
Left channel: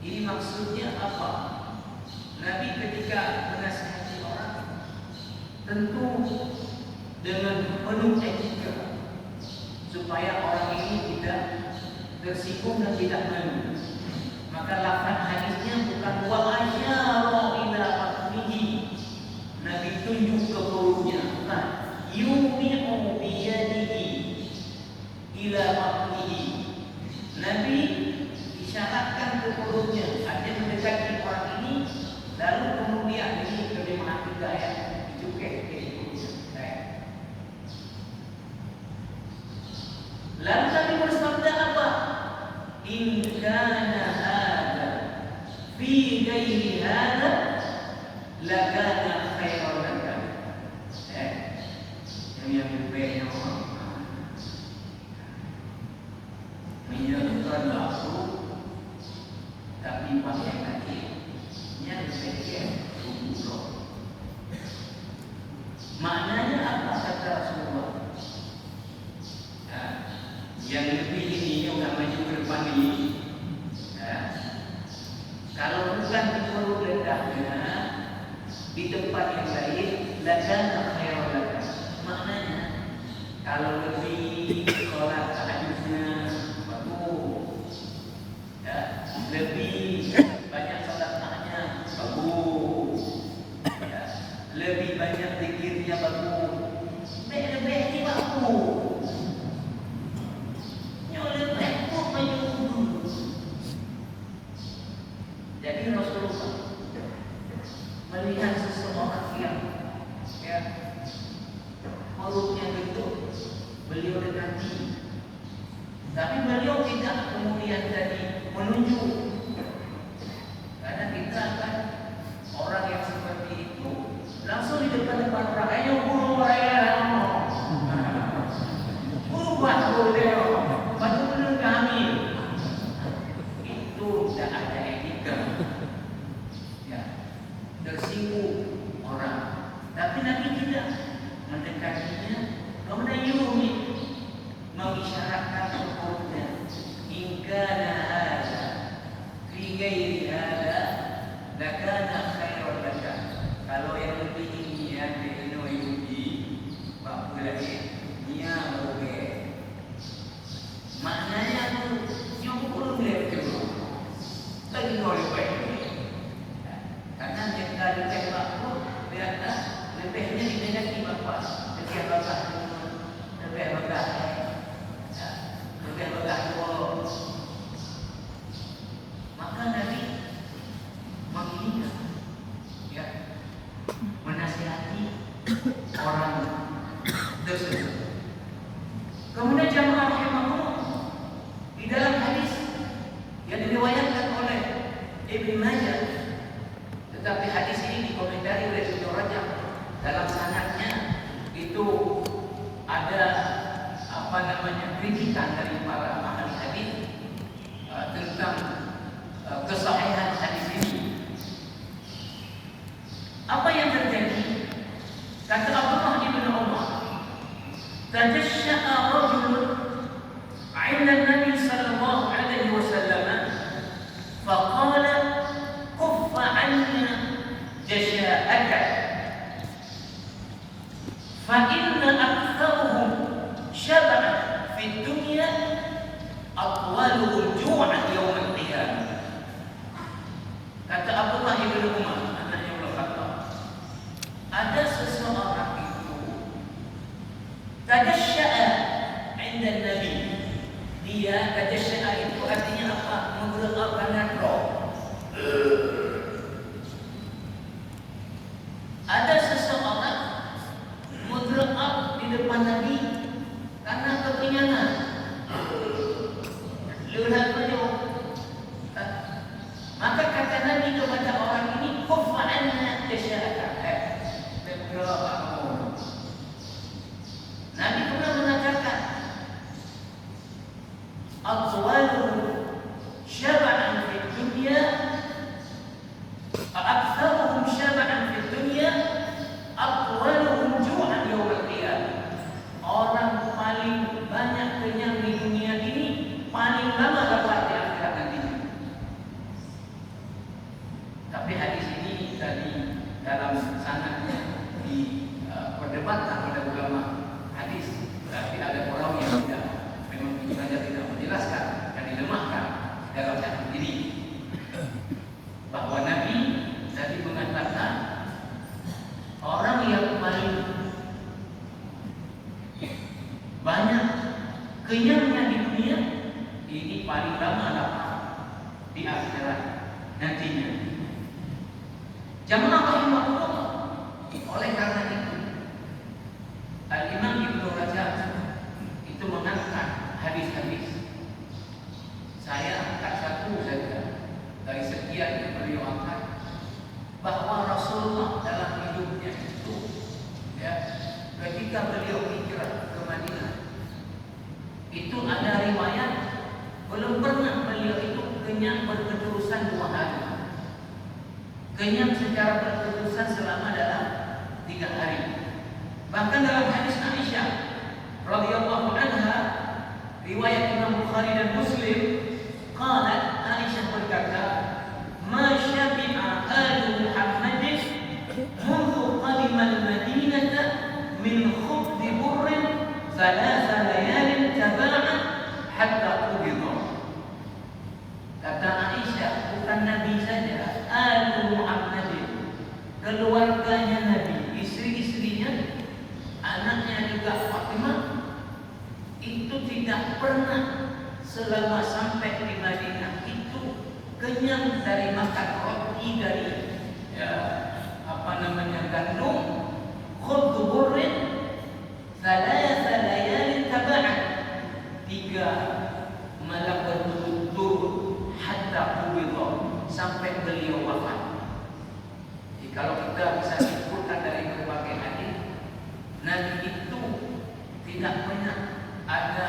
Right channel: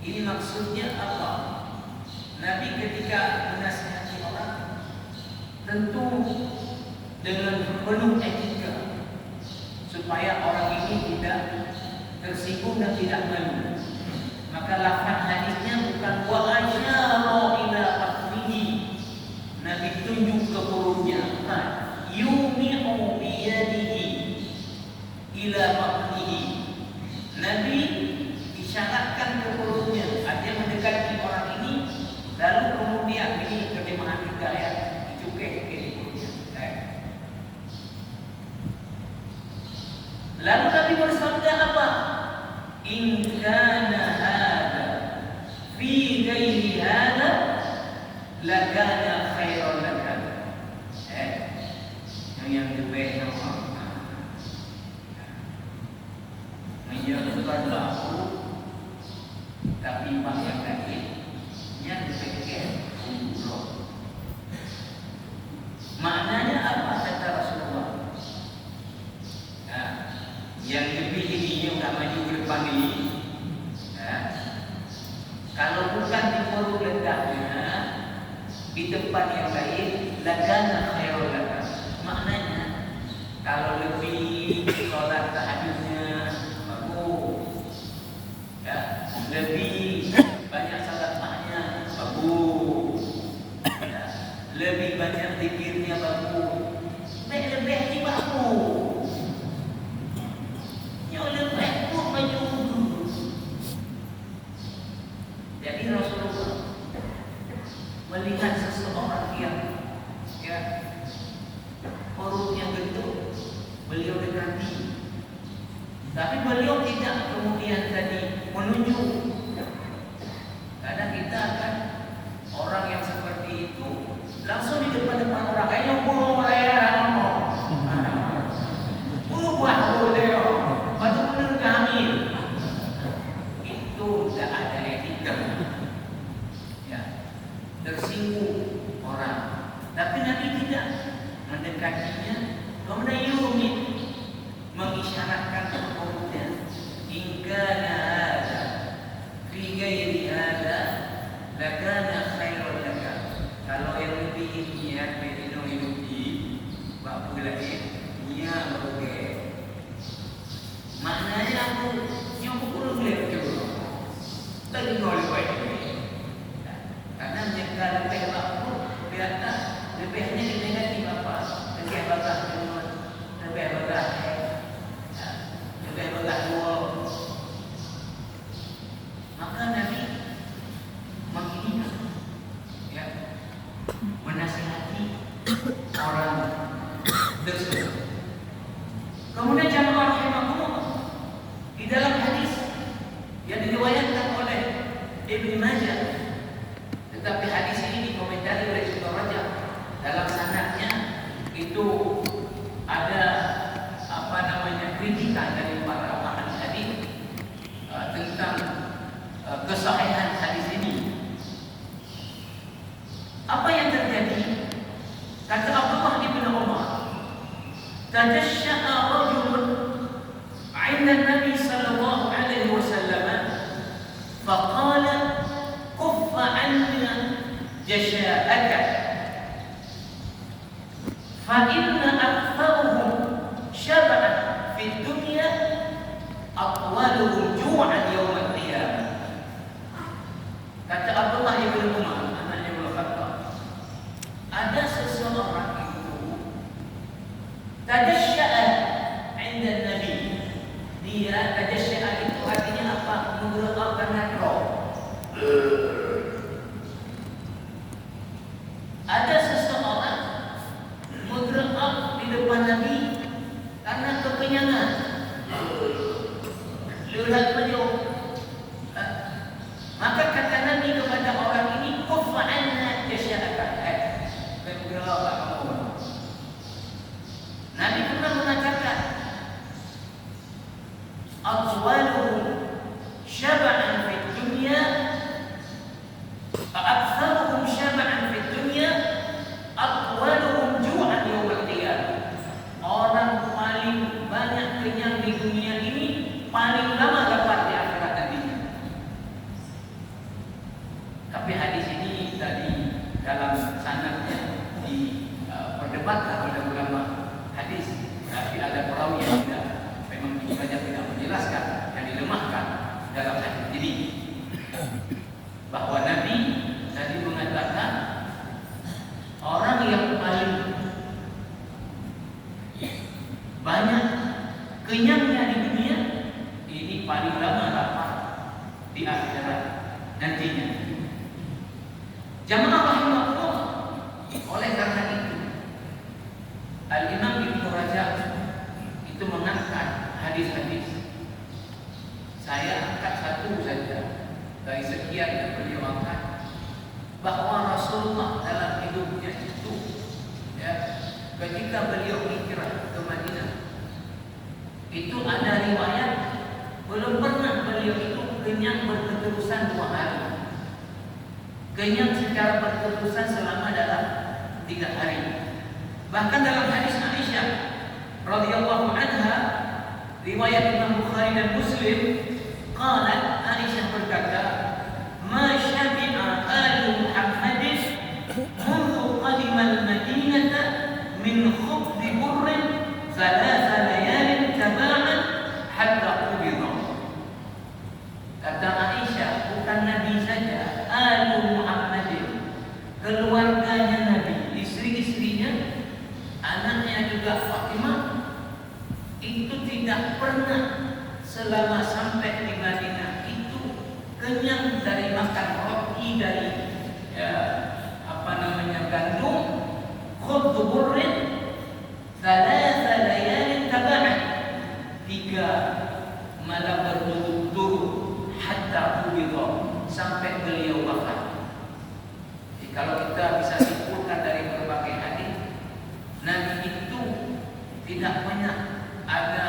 Ini maksudnya apa? Nabi ketika menasihati orang tentu dengan penuh etika supaya orang ini tidak tersinggung dan tidak malu. Maka lafaz hadisnya bukan wa asyara ila batnihi. Nabi tunjuk ke perutnya. Yumi'u biyadihi ila batnihi. Nabi isyaratkan ke perutnya, artinya mendekati orang ini, lalu kemudian ini terjemahan juga ya, dicupek ke perutnya. Lalu Nabi bersabda apa? In kana hada fi ghairi hada lakana khairan laka. Yang lebih menyebutkan aku tapi bahkan kaki yang lebih untuk maknanya apa kata Rasulullah? Yang lebih ini yang namanya gerbang ini, kalau bukan di perut ledaknya, di tempat yang lain, lakana khairan laka. Maknanya kalau lebih sholat tahajudnya bagus, ya, lebih banyak sedekahnya bagus, ya, lebih banyak zikirnya bagus, lebih bagus. Yang lebih pun bagus. Jadi Rasulullah melihat seseorang yang perutnya gendut, beliau dekati. Tapi beliau tidak kemudian tadi menunjuk. Karena kita kan orang yang seperti itu langsung di depan-depan orang, ayo guru raya buat boleh, betul kami. Itu tidak ada etika. Ya, tersinggung orang. Tapi Nabi tidak mendekatinya, kemudian Yumi mengisyaratkan kepada ingkana ada fi ghairi ada lakana khairan laka. Kalau yang lebih ini ya bino yubi wa ulai nya boleh. Maknanya aku yang perlu boleh coba. Tadi boleh baik. Karena jika lebih aku biarkan lebihnya dipegang Bapak, ketika Bapak lebih Bapak dulu. Maka Nabi menginginkan, ya, menasihati orang tersebut. Kemudian jamaah rahimahullah di dalam hadis yang diriwayatkan oleh Ibnu Majah, tetapi hadis ini dikomentari oleh Ibnu Rajab. Dalam sanadnya itu ada kritikan dari para ahli hadis tentang kesahihan hadis ini. Apa yang terjadi? Kata Abdullah bin Umar, tajashsha'a rajulun 'inda Nabi sallallahu alaihi wasallam faqala kuffa 'anna jasha'aka fa inna aktsaruhum syab'an fid dunya atwaluhum ju'an yaumil qiyamah. Kata Abdullah bin Umar, anaknya Ibnu Khattab, ada seseorang itu tadasya'a 'inda Nabi. Dia tadasya'a itu artinya apa? Mengeluarkan roh. Ada seseorang mudra'ab di depan Nabi karena kekenyangan. Lihat beliau. Maka kata Nabi kepada orang ini, "Kuffa 'anna jasya'aka." Nabi pernah mengatakan, "Atwaluhum syab'an fid dunya, aktsaruhum syab'an fid dunya, atwaluhum ju'an yaumil qiyamah." Orang paling banyak kenyang di dunia ini paling lama lapar di akhirat nantinya. Tapi hadis ini tadi dalam sanadnya diperdebatkan oleh ulama hadis. Berarti ada perawi yang tidak memang belajar tidak menjelaskan dan dilemahkan dalam hadis ini. Bahwa Nabi tadi mengatakan orang yang paling banyak kenyangnya di dunia ini paling lama lapar di akhirat nantinya. Jamaah rahimahullah, oleh karena itu Al-Imam Ibnu Rajab itu mengangkat hadis-hadis. Saya angkat satu saja dari sekian yang beliau angkat, bahwa Rasulullah dalam hidupnya itu, ya, ketika beliau hijrah ke Madinah, itu ada riwayat belum pernah beliau itu kenyang berterusan 2 hari. Kenyang secara berterusan selama dalam 3 hari. Bahkan dalam hadis Aisyah radhiyallahu anha, riwayat Imam Bukhari dan Muslim, qalat, Aisyah berkata, "Ma syabi'a alu Muhammadin mundu qadima al-Madinata min khubzi burrin thalatha layalin taba'an hatta qubida." Kata Aisyah, bukan Nabi saja, alu Muhammadin, keluarganya Nabi, istri-istrinya, anaknya juga Fatimah, itu tidak pernah selama sampai di Madinah itu kenyang dari makan roti dari gandum, khubz burrin thalatha layalin taba'an, 3 malam berturut-turut, hatta qubida, sampai beliau wafat. Jadi kalau kita bisa simpulkan dari berbagai hadis, Nabi itu tidak banyak ada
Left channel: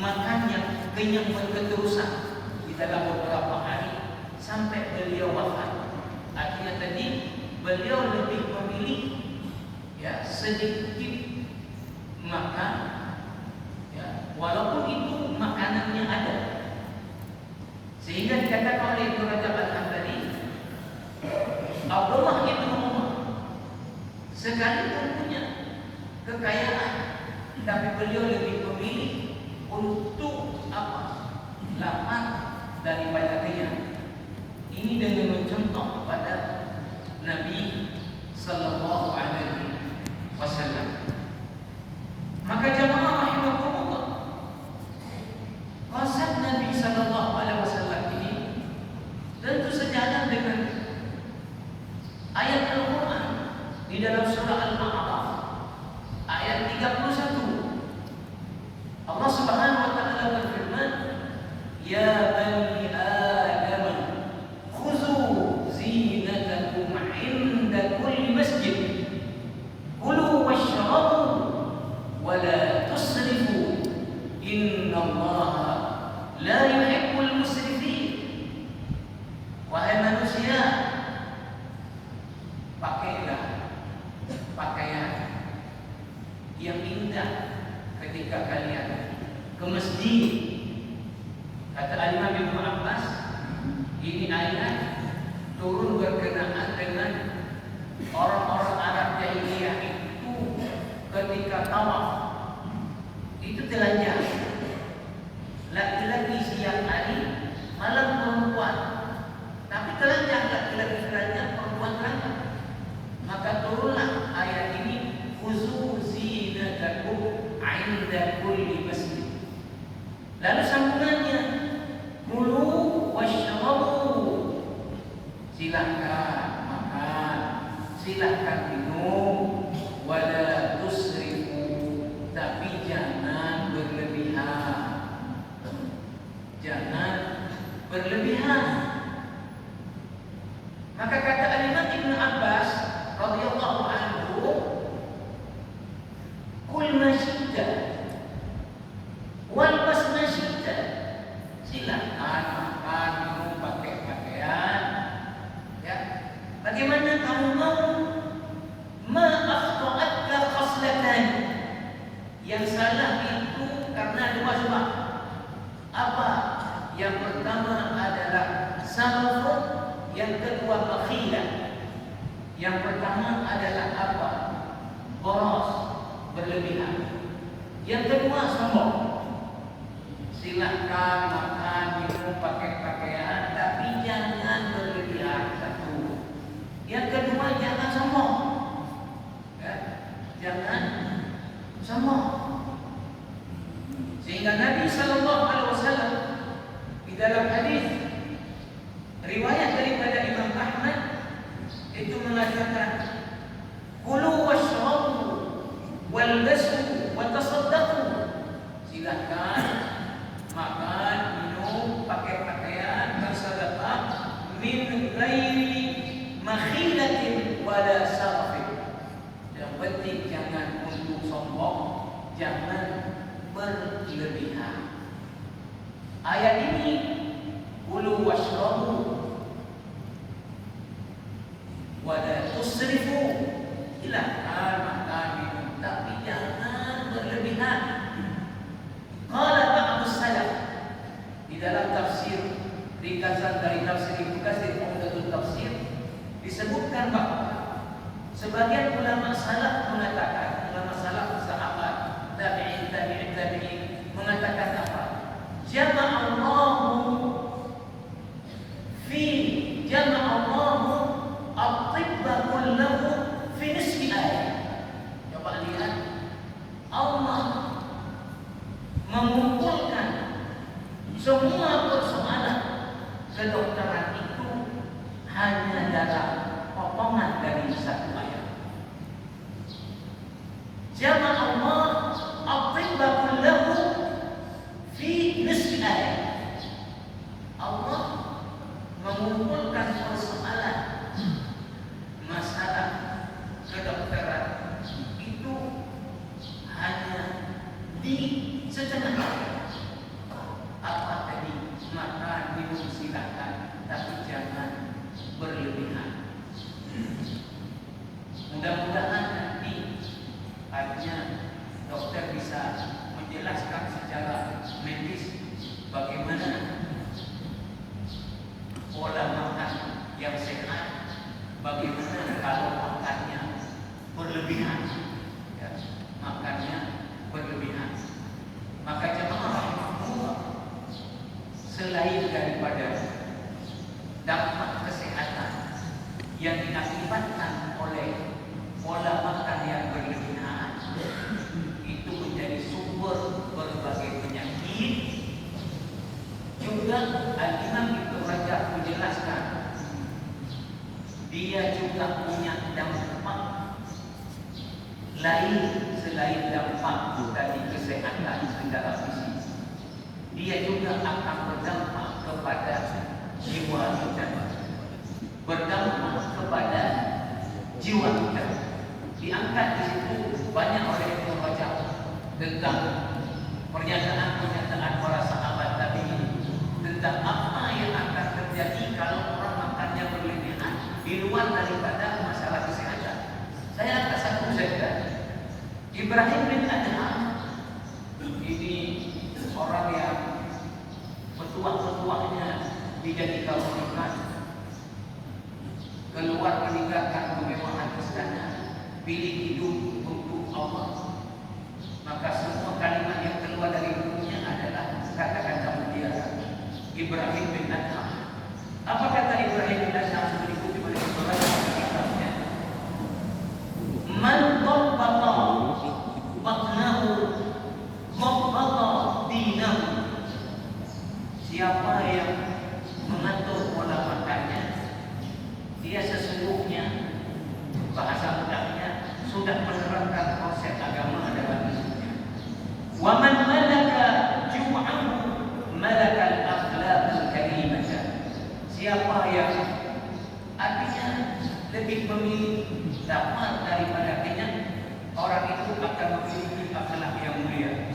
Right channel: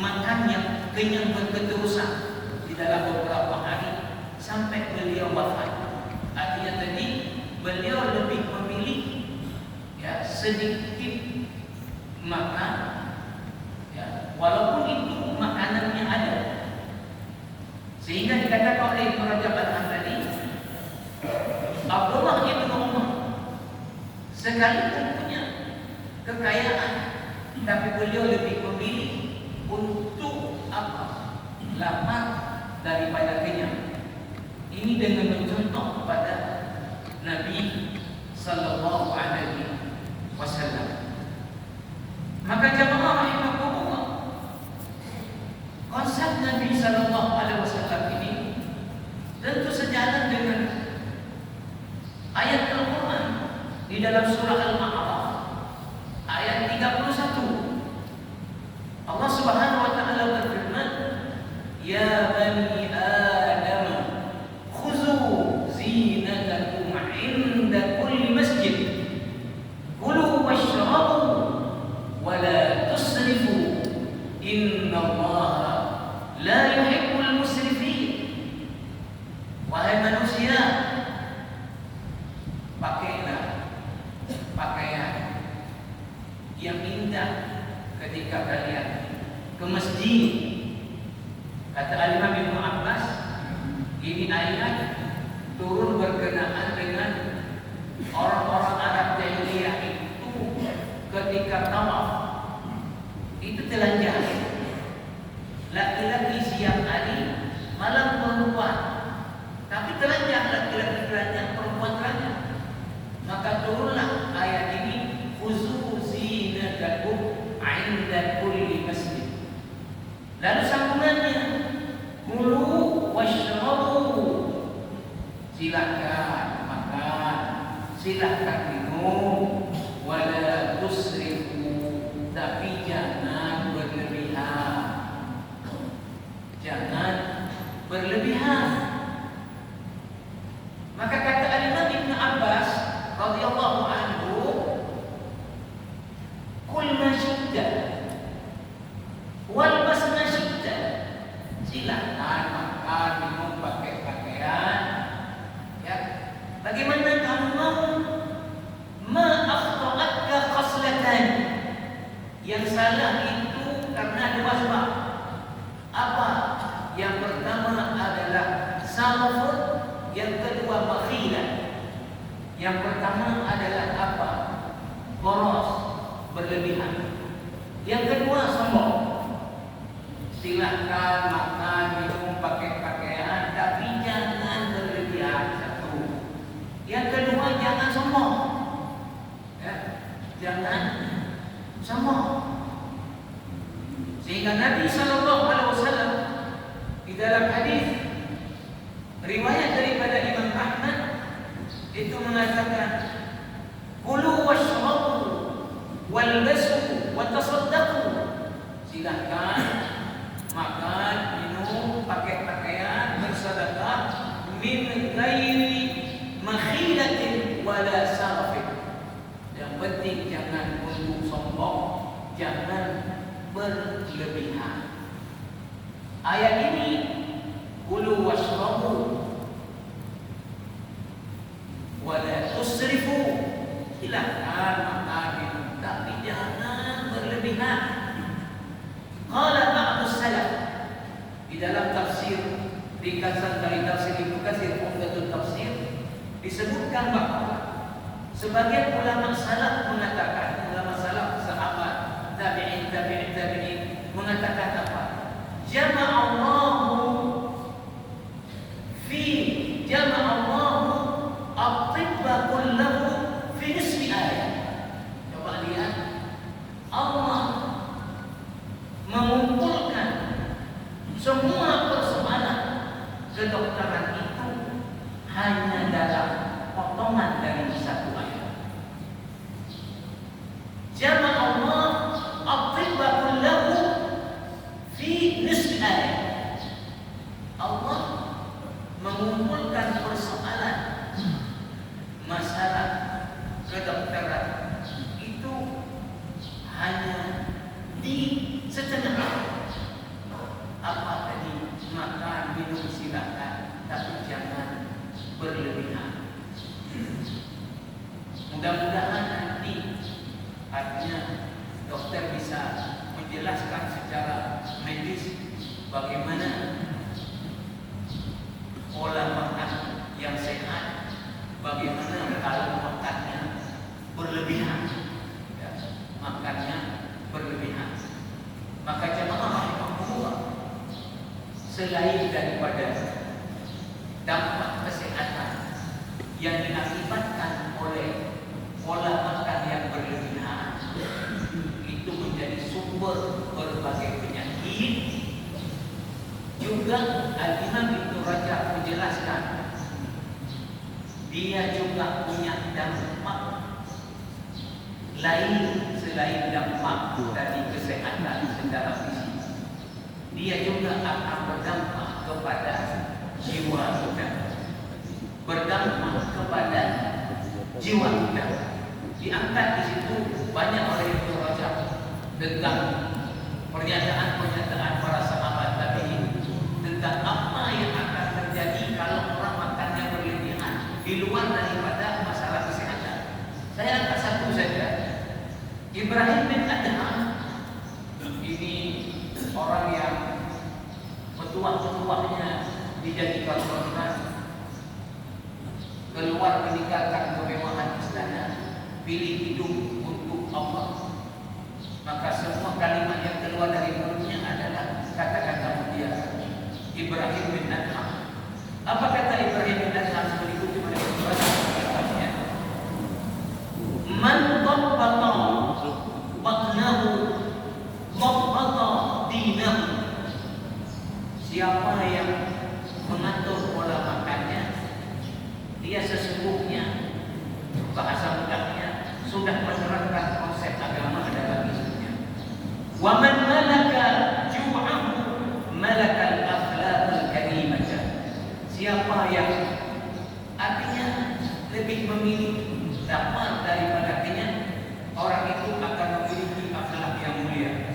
makan yang kenyang berterusan di dalam beberapa hari sampai beliau wafat. Artinya tadi beliau lebih memilih, ya, sedikit makan, ya, walaupun itu makanannya ada, sehingga dikatakan oleh Ibnu Rajab tadi, Abdullah bin Umar sekalipun punya kekayaan, tapi beliau lebih memilih untuk apa? Lapar daripada kenyang. Ini dengan mencontoh kepada Nabi sallallahu alaihi wasallam. Maka jamaah rahimahullah, konsep Nabi sallallahu alaihi wasallam ini tentu sejalan dengan ayat Al-Quran di dalam surah Al-A'raf ayat 31. Allah Subhanahu wa taala berfirman, "Ya bani Adam, khuzu zinatakum 'inda kulli masjid, kulu washrabu wa la tusrifu, innallaha la yuhibbul musrifin." Wahai manusia, pakailah pakaian yang indah ketika kalian ke masjid. Kata Al-Imam Ibnu Abbas, ini ayat turun berkenaan dengan ketika tawaf itu telanjang. Laki-laki siang hari, malam perempuan. Tapi telanjang, laki-laki telanjang, perempuan telanjang. Maka turunlah ayat ini, khuzu zinatakum 'inda kulli masjid. Lalu sambungannya, kulu washrabu. Silakan makan, silakan minum, wala tusrifu, tapi jangan berlebihan. Jangan berlebihan. Maka kata Al-Imam Ibn Abbas radhiyallahu anhu, kul ma syi'ta wal bas ma syi'ta. Silakan makan, minum, pakai pakaian. Ya. Bagaimana kamu mau? Ma akhta'atka khaslatan. Yang salah itu karena dua sebab. Apa? Yang pertama adalah saraf, yang kedua makhilah. Yang pertama adalah apa? Boros, berlebihan. Yang kedua sombong. Silakan makan, minum, pakai pakaian, tapi jangan berlebihan. Satu. Yang kedua jangan sombong. Ya, jangan sombong. Sehingga Nabi Sallallahu Alaihi Wasallam di dalam hadis riwayat daripada Imam Ahmad itu mengatakan, kulu washrabu walbasu watasaddaqu. Silakan makan, minum, pakai pakaian, bersedekah, min ghairi makhilatin wala sarafin. Yang penting jangan untuk sombong, jangan berlebihan. Ayat ini, kulu washrabu wala tusrifu. Silakan makan, minum, tapi jangan berlebihan. Qala ba'du salaf, di dalam tafsir ringkasan dari tafsir Ibnu Katsir, Umdatul Tafsir, disebutkan bahwa sebagian ulama salaf mengatakan, ulama salaf sahabat, tabi'in mengatakan apa? Jama'allahu at-tibba kullahu fi nisfi ayat. Coba lihat, Allah mengumpulkan semua persoalan kedokteran itu hanya dalam potongan dari satu ayat. Jama'allah at-tibba kullahu fi nisfi ayat. Allah mengumpulkan persoalan masalah kedokteran itu hanya di setengah ayat. Apa tadi? Makan, minum, silakan, tapi jangan berlebihan. Mudah-mudahan nanti artinya dokter bisa menjelaskan secara medis bagaimana pola makan yang sehat, bagaimana kalau makannya berlebihan, ya, makannya berlebihan. Maka jemaah rahimahullah, selain daripada dampak kesehatan yang diakibatkan oleh pola makan yang berlebihan, itu menjadi sumber berbagai penyakit. Juga Al-Imam Ibnu Rajab menjelaskan, dia juga punya dampak lain selain dampak dari kesehatan secara fisik. Dia juga akan berdampak kepada jiwa kita, berdampak kepada jiwa kita. Diangkat di situ banyak oleh Ibnu Rajab tentang pernyataan-pernyataan para sahabat tabi'in tentang apa yang akan terjadi kalau orang makannya berlebihan di luar daripada masalah kesehatan. Saya angkat satu saja. Ibrahim bin Adham ini orang yang petuah-petuahnya dijadikan orang keluar meninggalkan kemewahan istana, pilih hidup untuk Allah, maka semua kalimat yang keluar dari mulutnya adalah kata-kata mutiara. Ibrahim bin Adham. Apa kata Ibrahim bin Adham seperti itu kitabnya? Man dhabbata batnahu dhabbata dinahu. Siapa yang mengatur pola makannya, dia sesungguhnya bahasa mudahnya sudah menerapkan konsep agama dalam hidupnya. Wa man malaka jum'ahu malaka al-akhlaqul karimah. Siapa yang artinya lebih memilih dapat daripada artinya, orang itu akan memiliki akhlak yang mulia.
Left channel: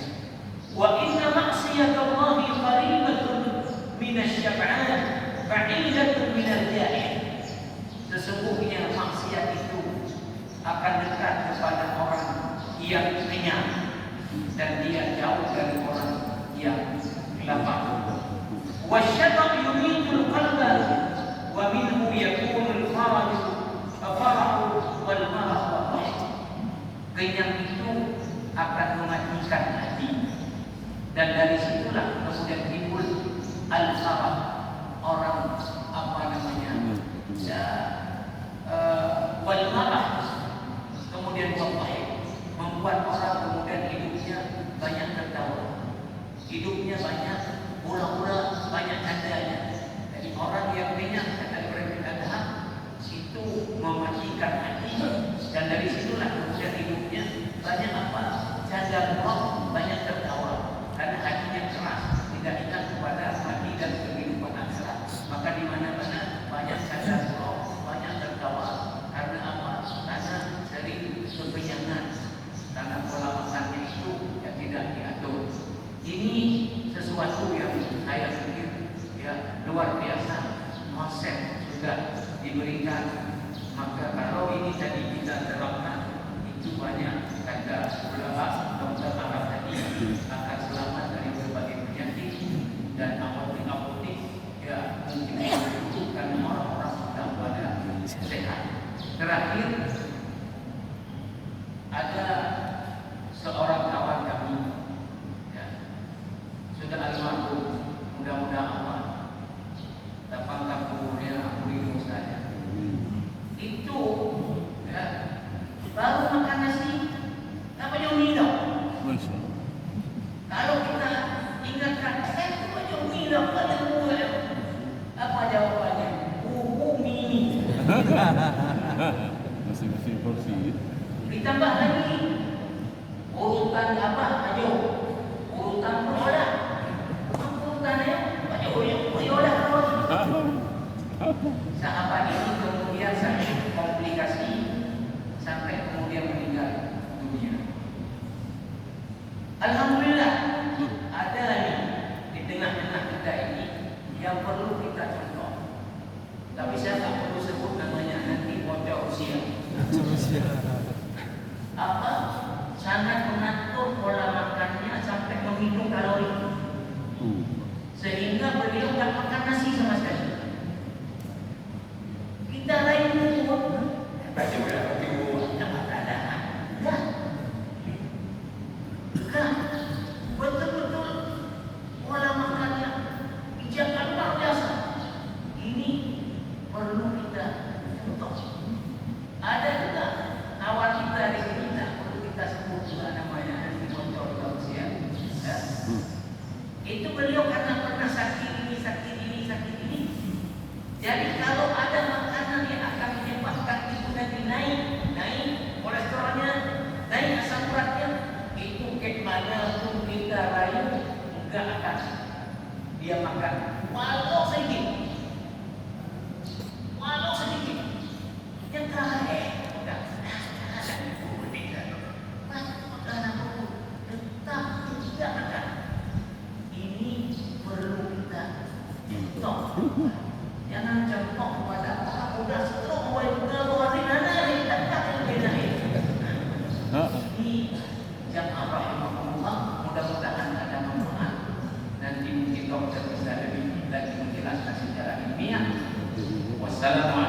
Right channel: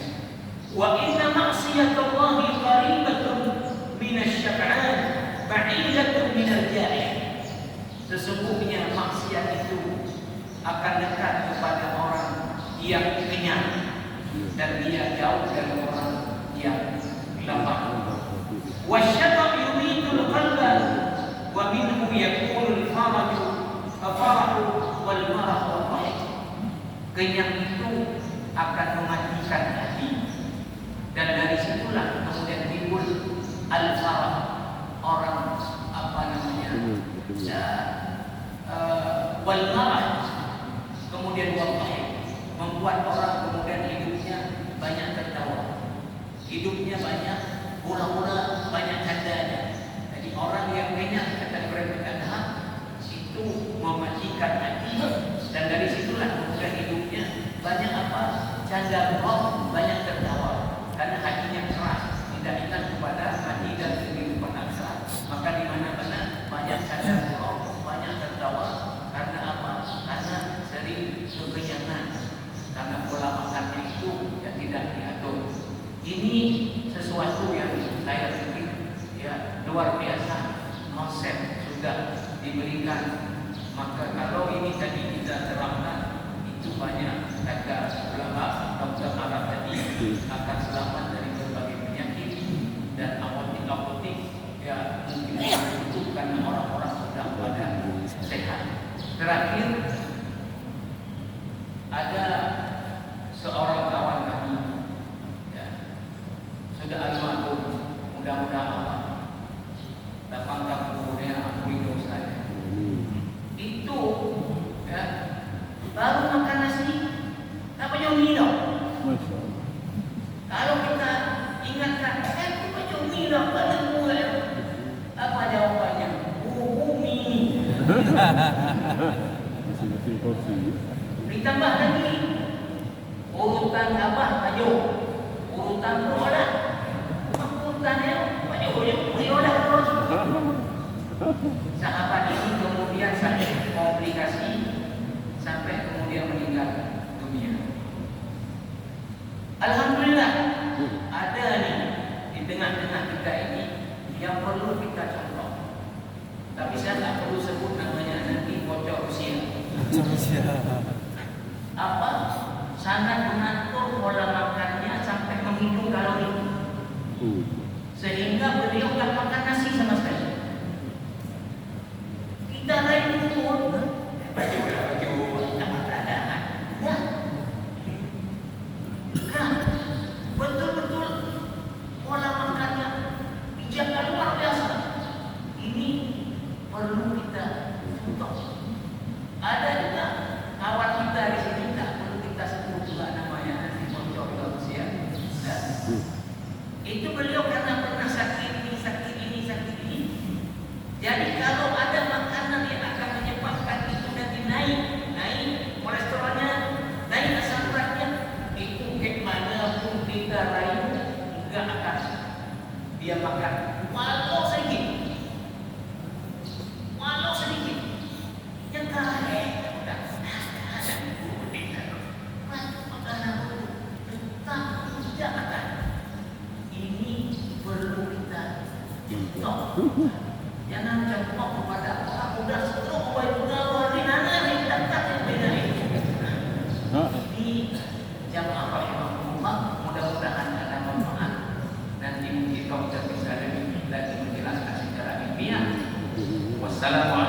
Wa inna ma'siyatallahi qaribatun minasyab'an ba'idatun minal ja'i'. Sesungguhnya maksiat itu akan dekat kepada orang yang kenyang dan dia jauh dari orang yang lapar. Wasyata' yumitul qalba wa minhu yakunu al-faraju wal marah wal dhahik. Kenyang itu akan mematikan hati, dan dari situlah kemudian timbul al-faraj, orang apa namanya ya, wal marah, kemudian wal dhahik, membuat orang kemudian hidupnya banyak tertawa, hidupnya banyak hura-hura, banyak candanya. Jadi orang yang kenyang kata Ibrahim itu mematikan hati, dan dari situlah kemudian hidupnya banyak apa? Canda bohong, banyak tertawa, karena hatinya keras, tidak ingat kepada mati dan kehidupan akhirat. Maka di mana-mana banyak canda bohong, banyak tertawa, karena apa? Karena sering kekenyangan, karena pola makannya itu yang tidak diatur. Ini sesuatu yang saya pikir ya luar biasa, konsep sudah diberikan. Maka kalau ini tadi kita terapkan, itu banyak kata ulama Dr. Arab tadi akan selamat dari berbagai penyakit dan apotik-apotik ya mungkin membutuhkan orang-orang sudah pada sehat. Terakhir ada seorang kawan kami ya, sudah almarhum, mudah-mudahan Allah dapatkan kuburnya ampuni dosa. Itu ya, baru makan nasi apa jauh hidup. Kalau kita ingatkan, itu kan jauh hidup, kan mulai apa jawabannya? Mini. Masih porsi. Ditambah lagi urutan apa? Ayo, urutan roda. Urutannya ayo terus. Sahabat ini kemudian sampai komplikasi, sampai kemudian meninggal dunia. Alhamdulillah ada nih di tengah-tengah kita ini yang perlu kita contoh. Tapi saya tak perlu sebut namanya, nanti bocor usia. Apa? Sangat mengatur pola makannya sampai menghitung kalori, sehingga beliau tak makan nasi sama sekali. Kita lain umur, baju sama keadaan. Ya. Nah, betul-betul pola makannya dijaga luar biasa. Ini perlu kita contoh. Ada juga awal kita di sini, tak perlu kita sebut juga namanya, contoh manusia. Ya. Itu beliau karena pernah sakit ini. Jadi kalau ada makanan yang akan menyebabkan itu nanti naik kolesterolnya, naik asam uratnya, itu kemanapun kita rayu enggak akan dia makan, walau sedikit. Yang terakhir, makanan itu tetap tidak makan. Ini perlu kita contoh. Jangan contoh kepada orang muda stroke, hari nanti dapat yang ini jamaah rahimahullah, mudah-mudahan akan manfaat. Nanti mungkin dokter bisa lebih menjelaskan secara ilmiah. Wassalamualaikum.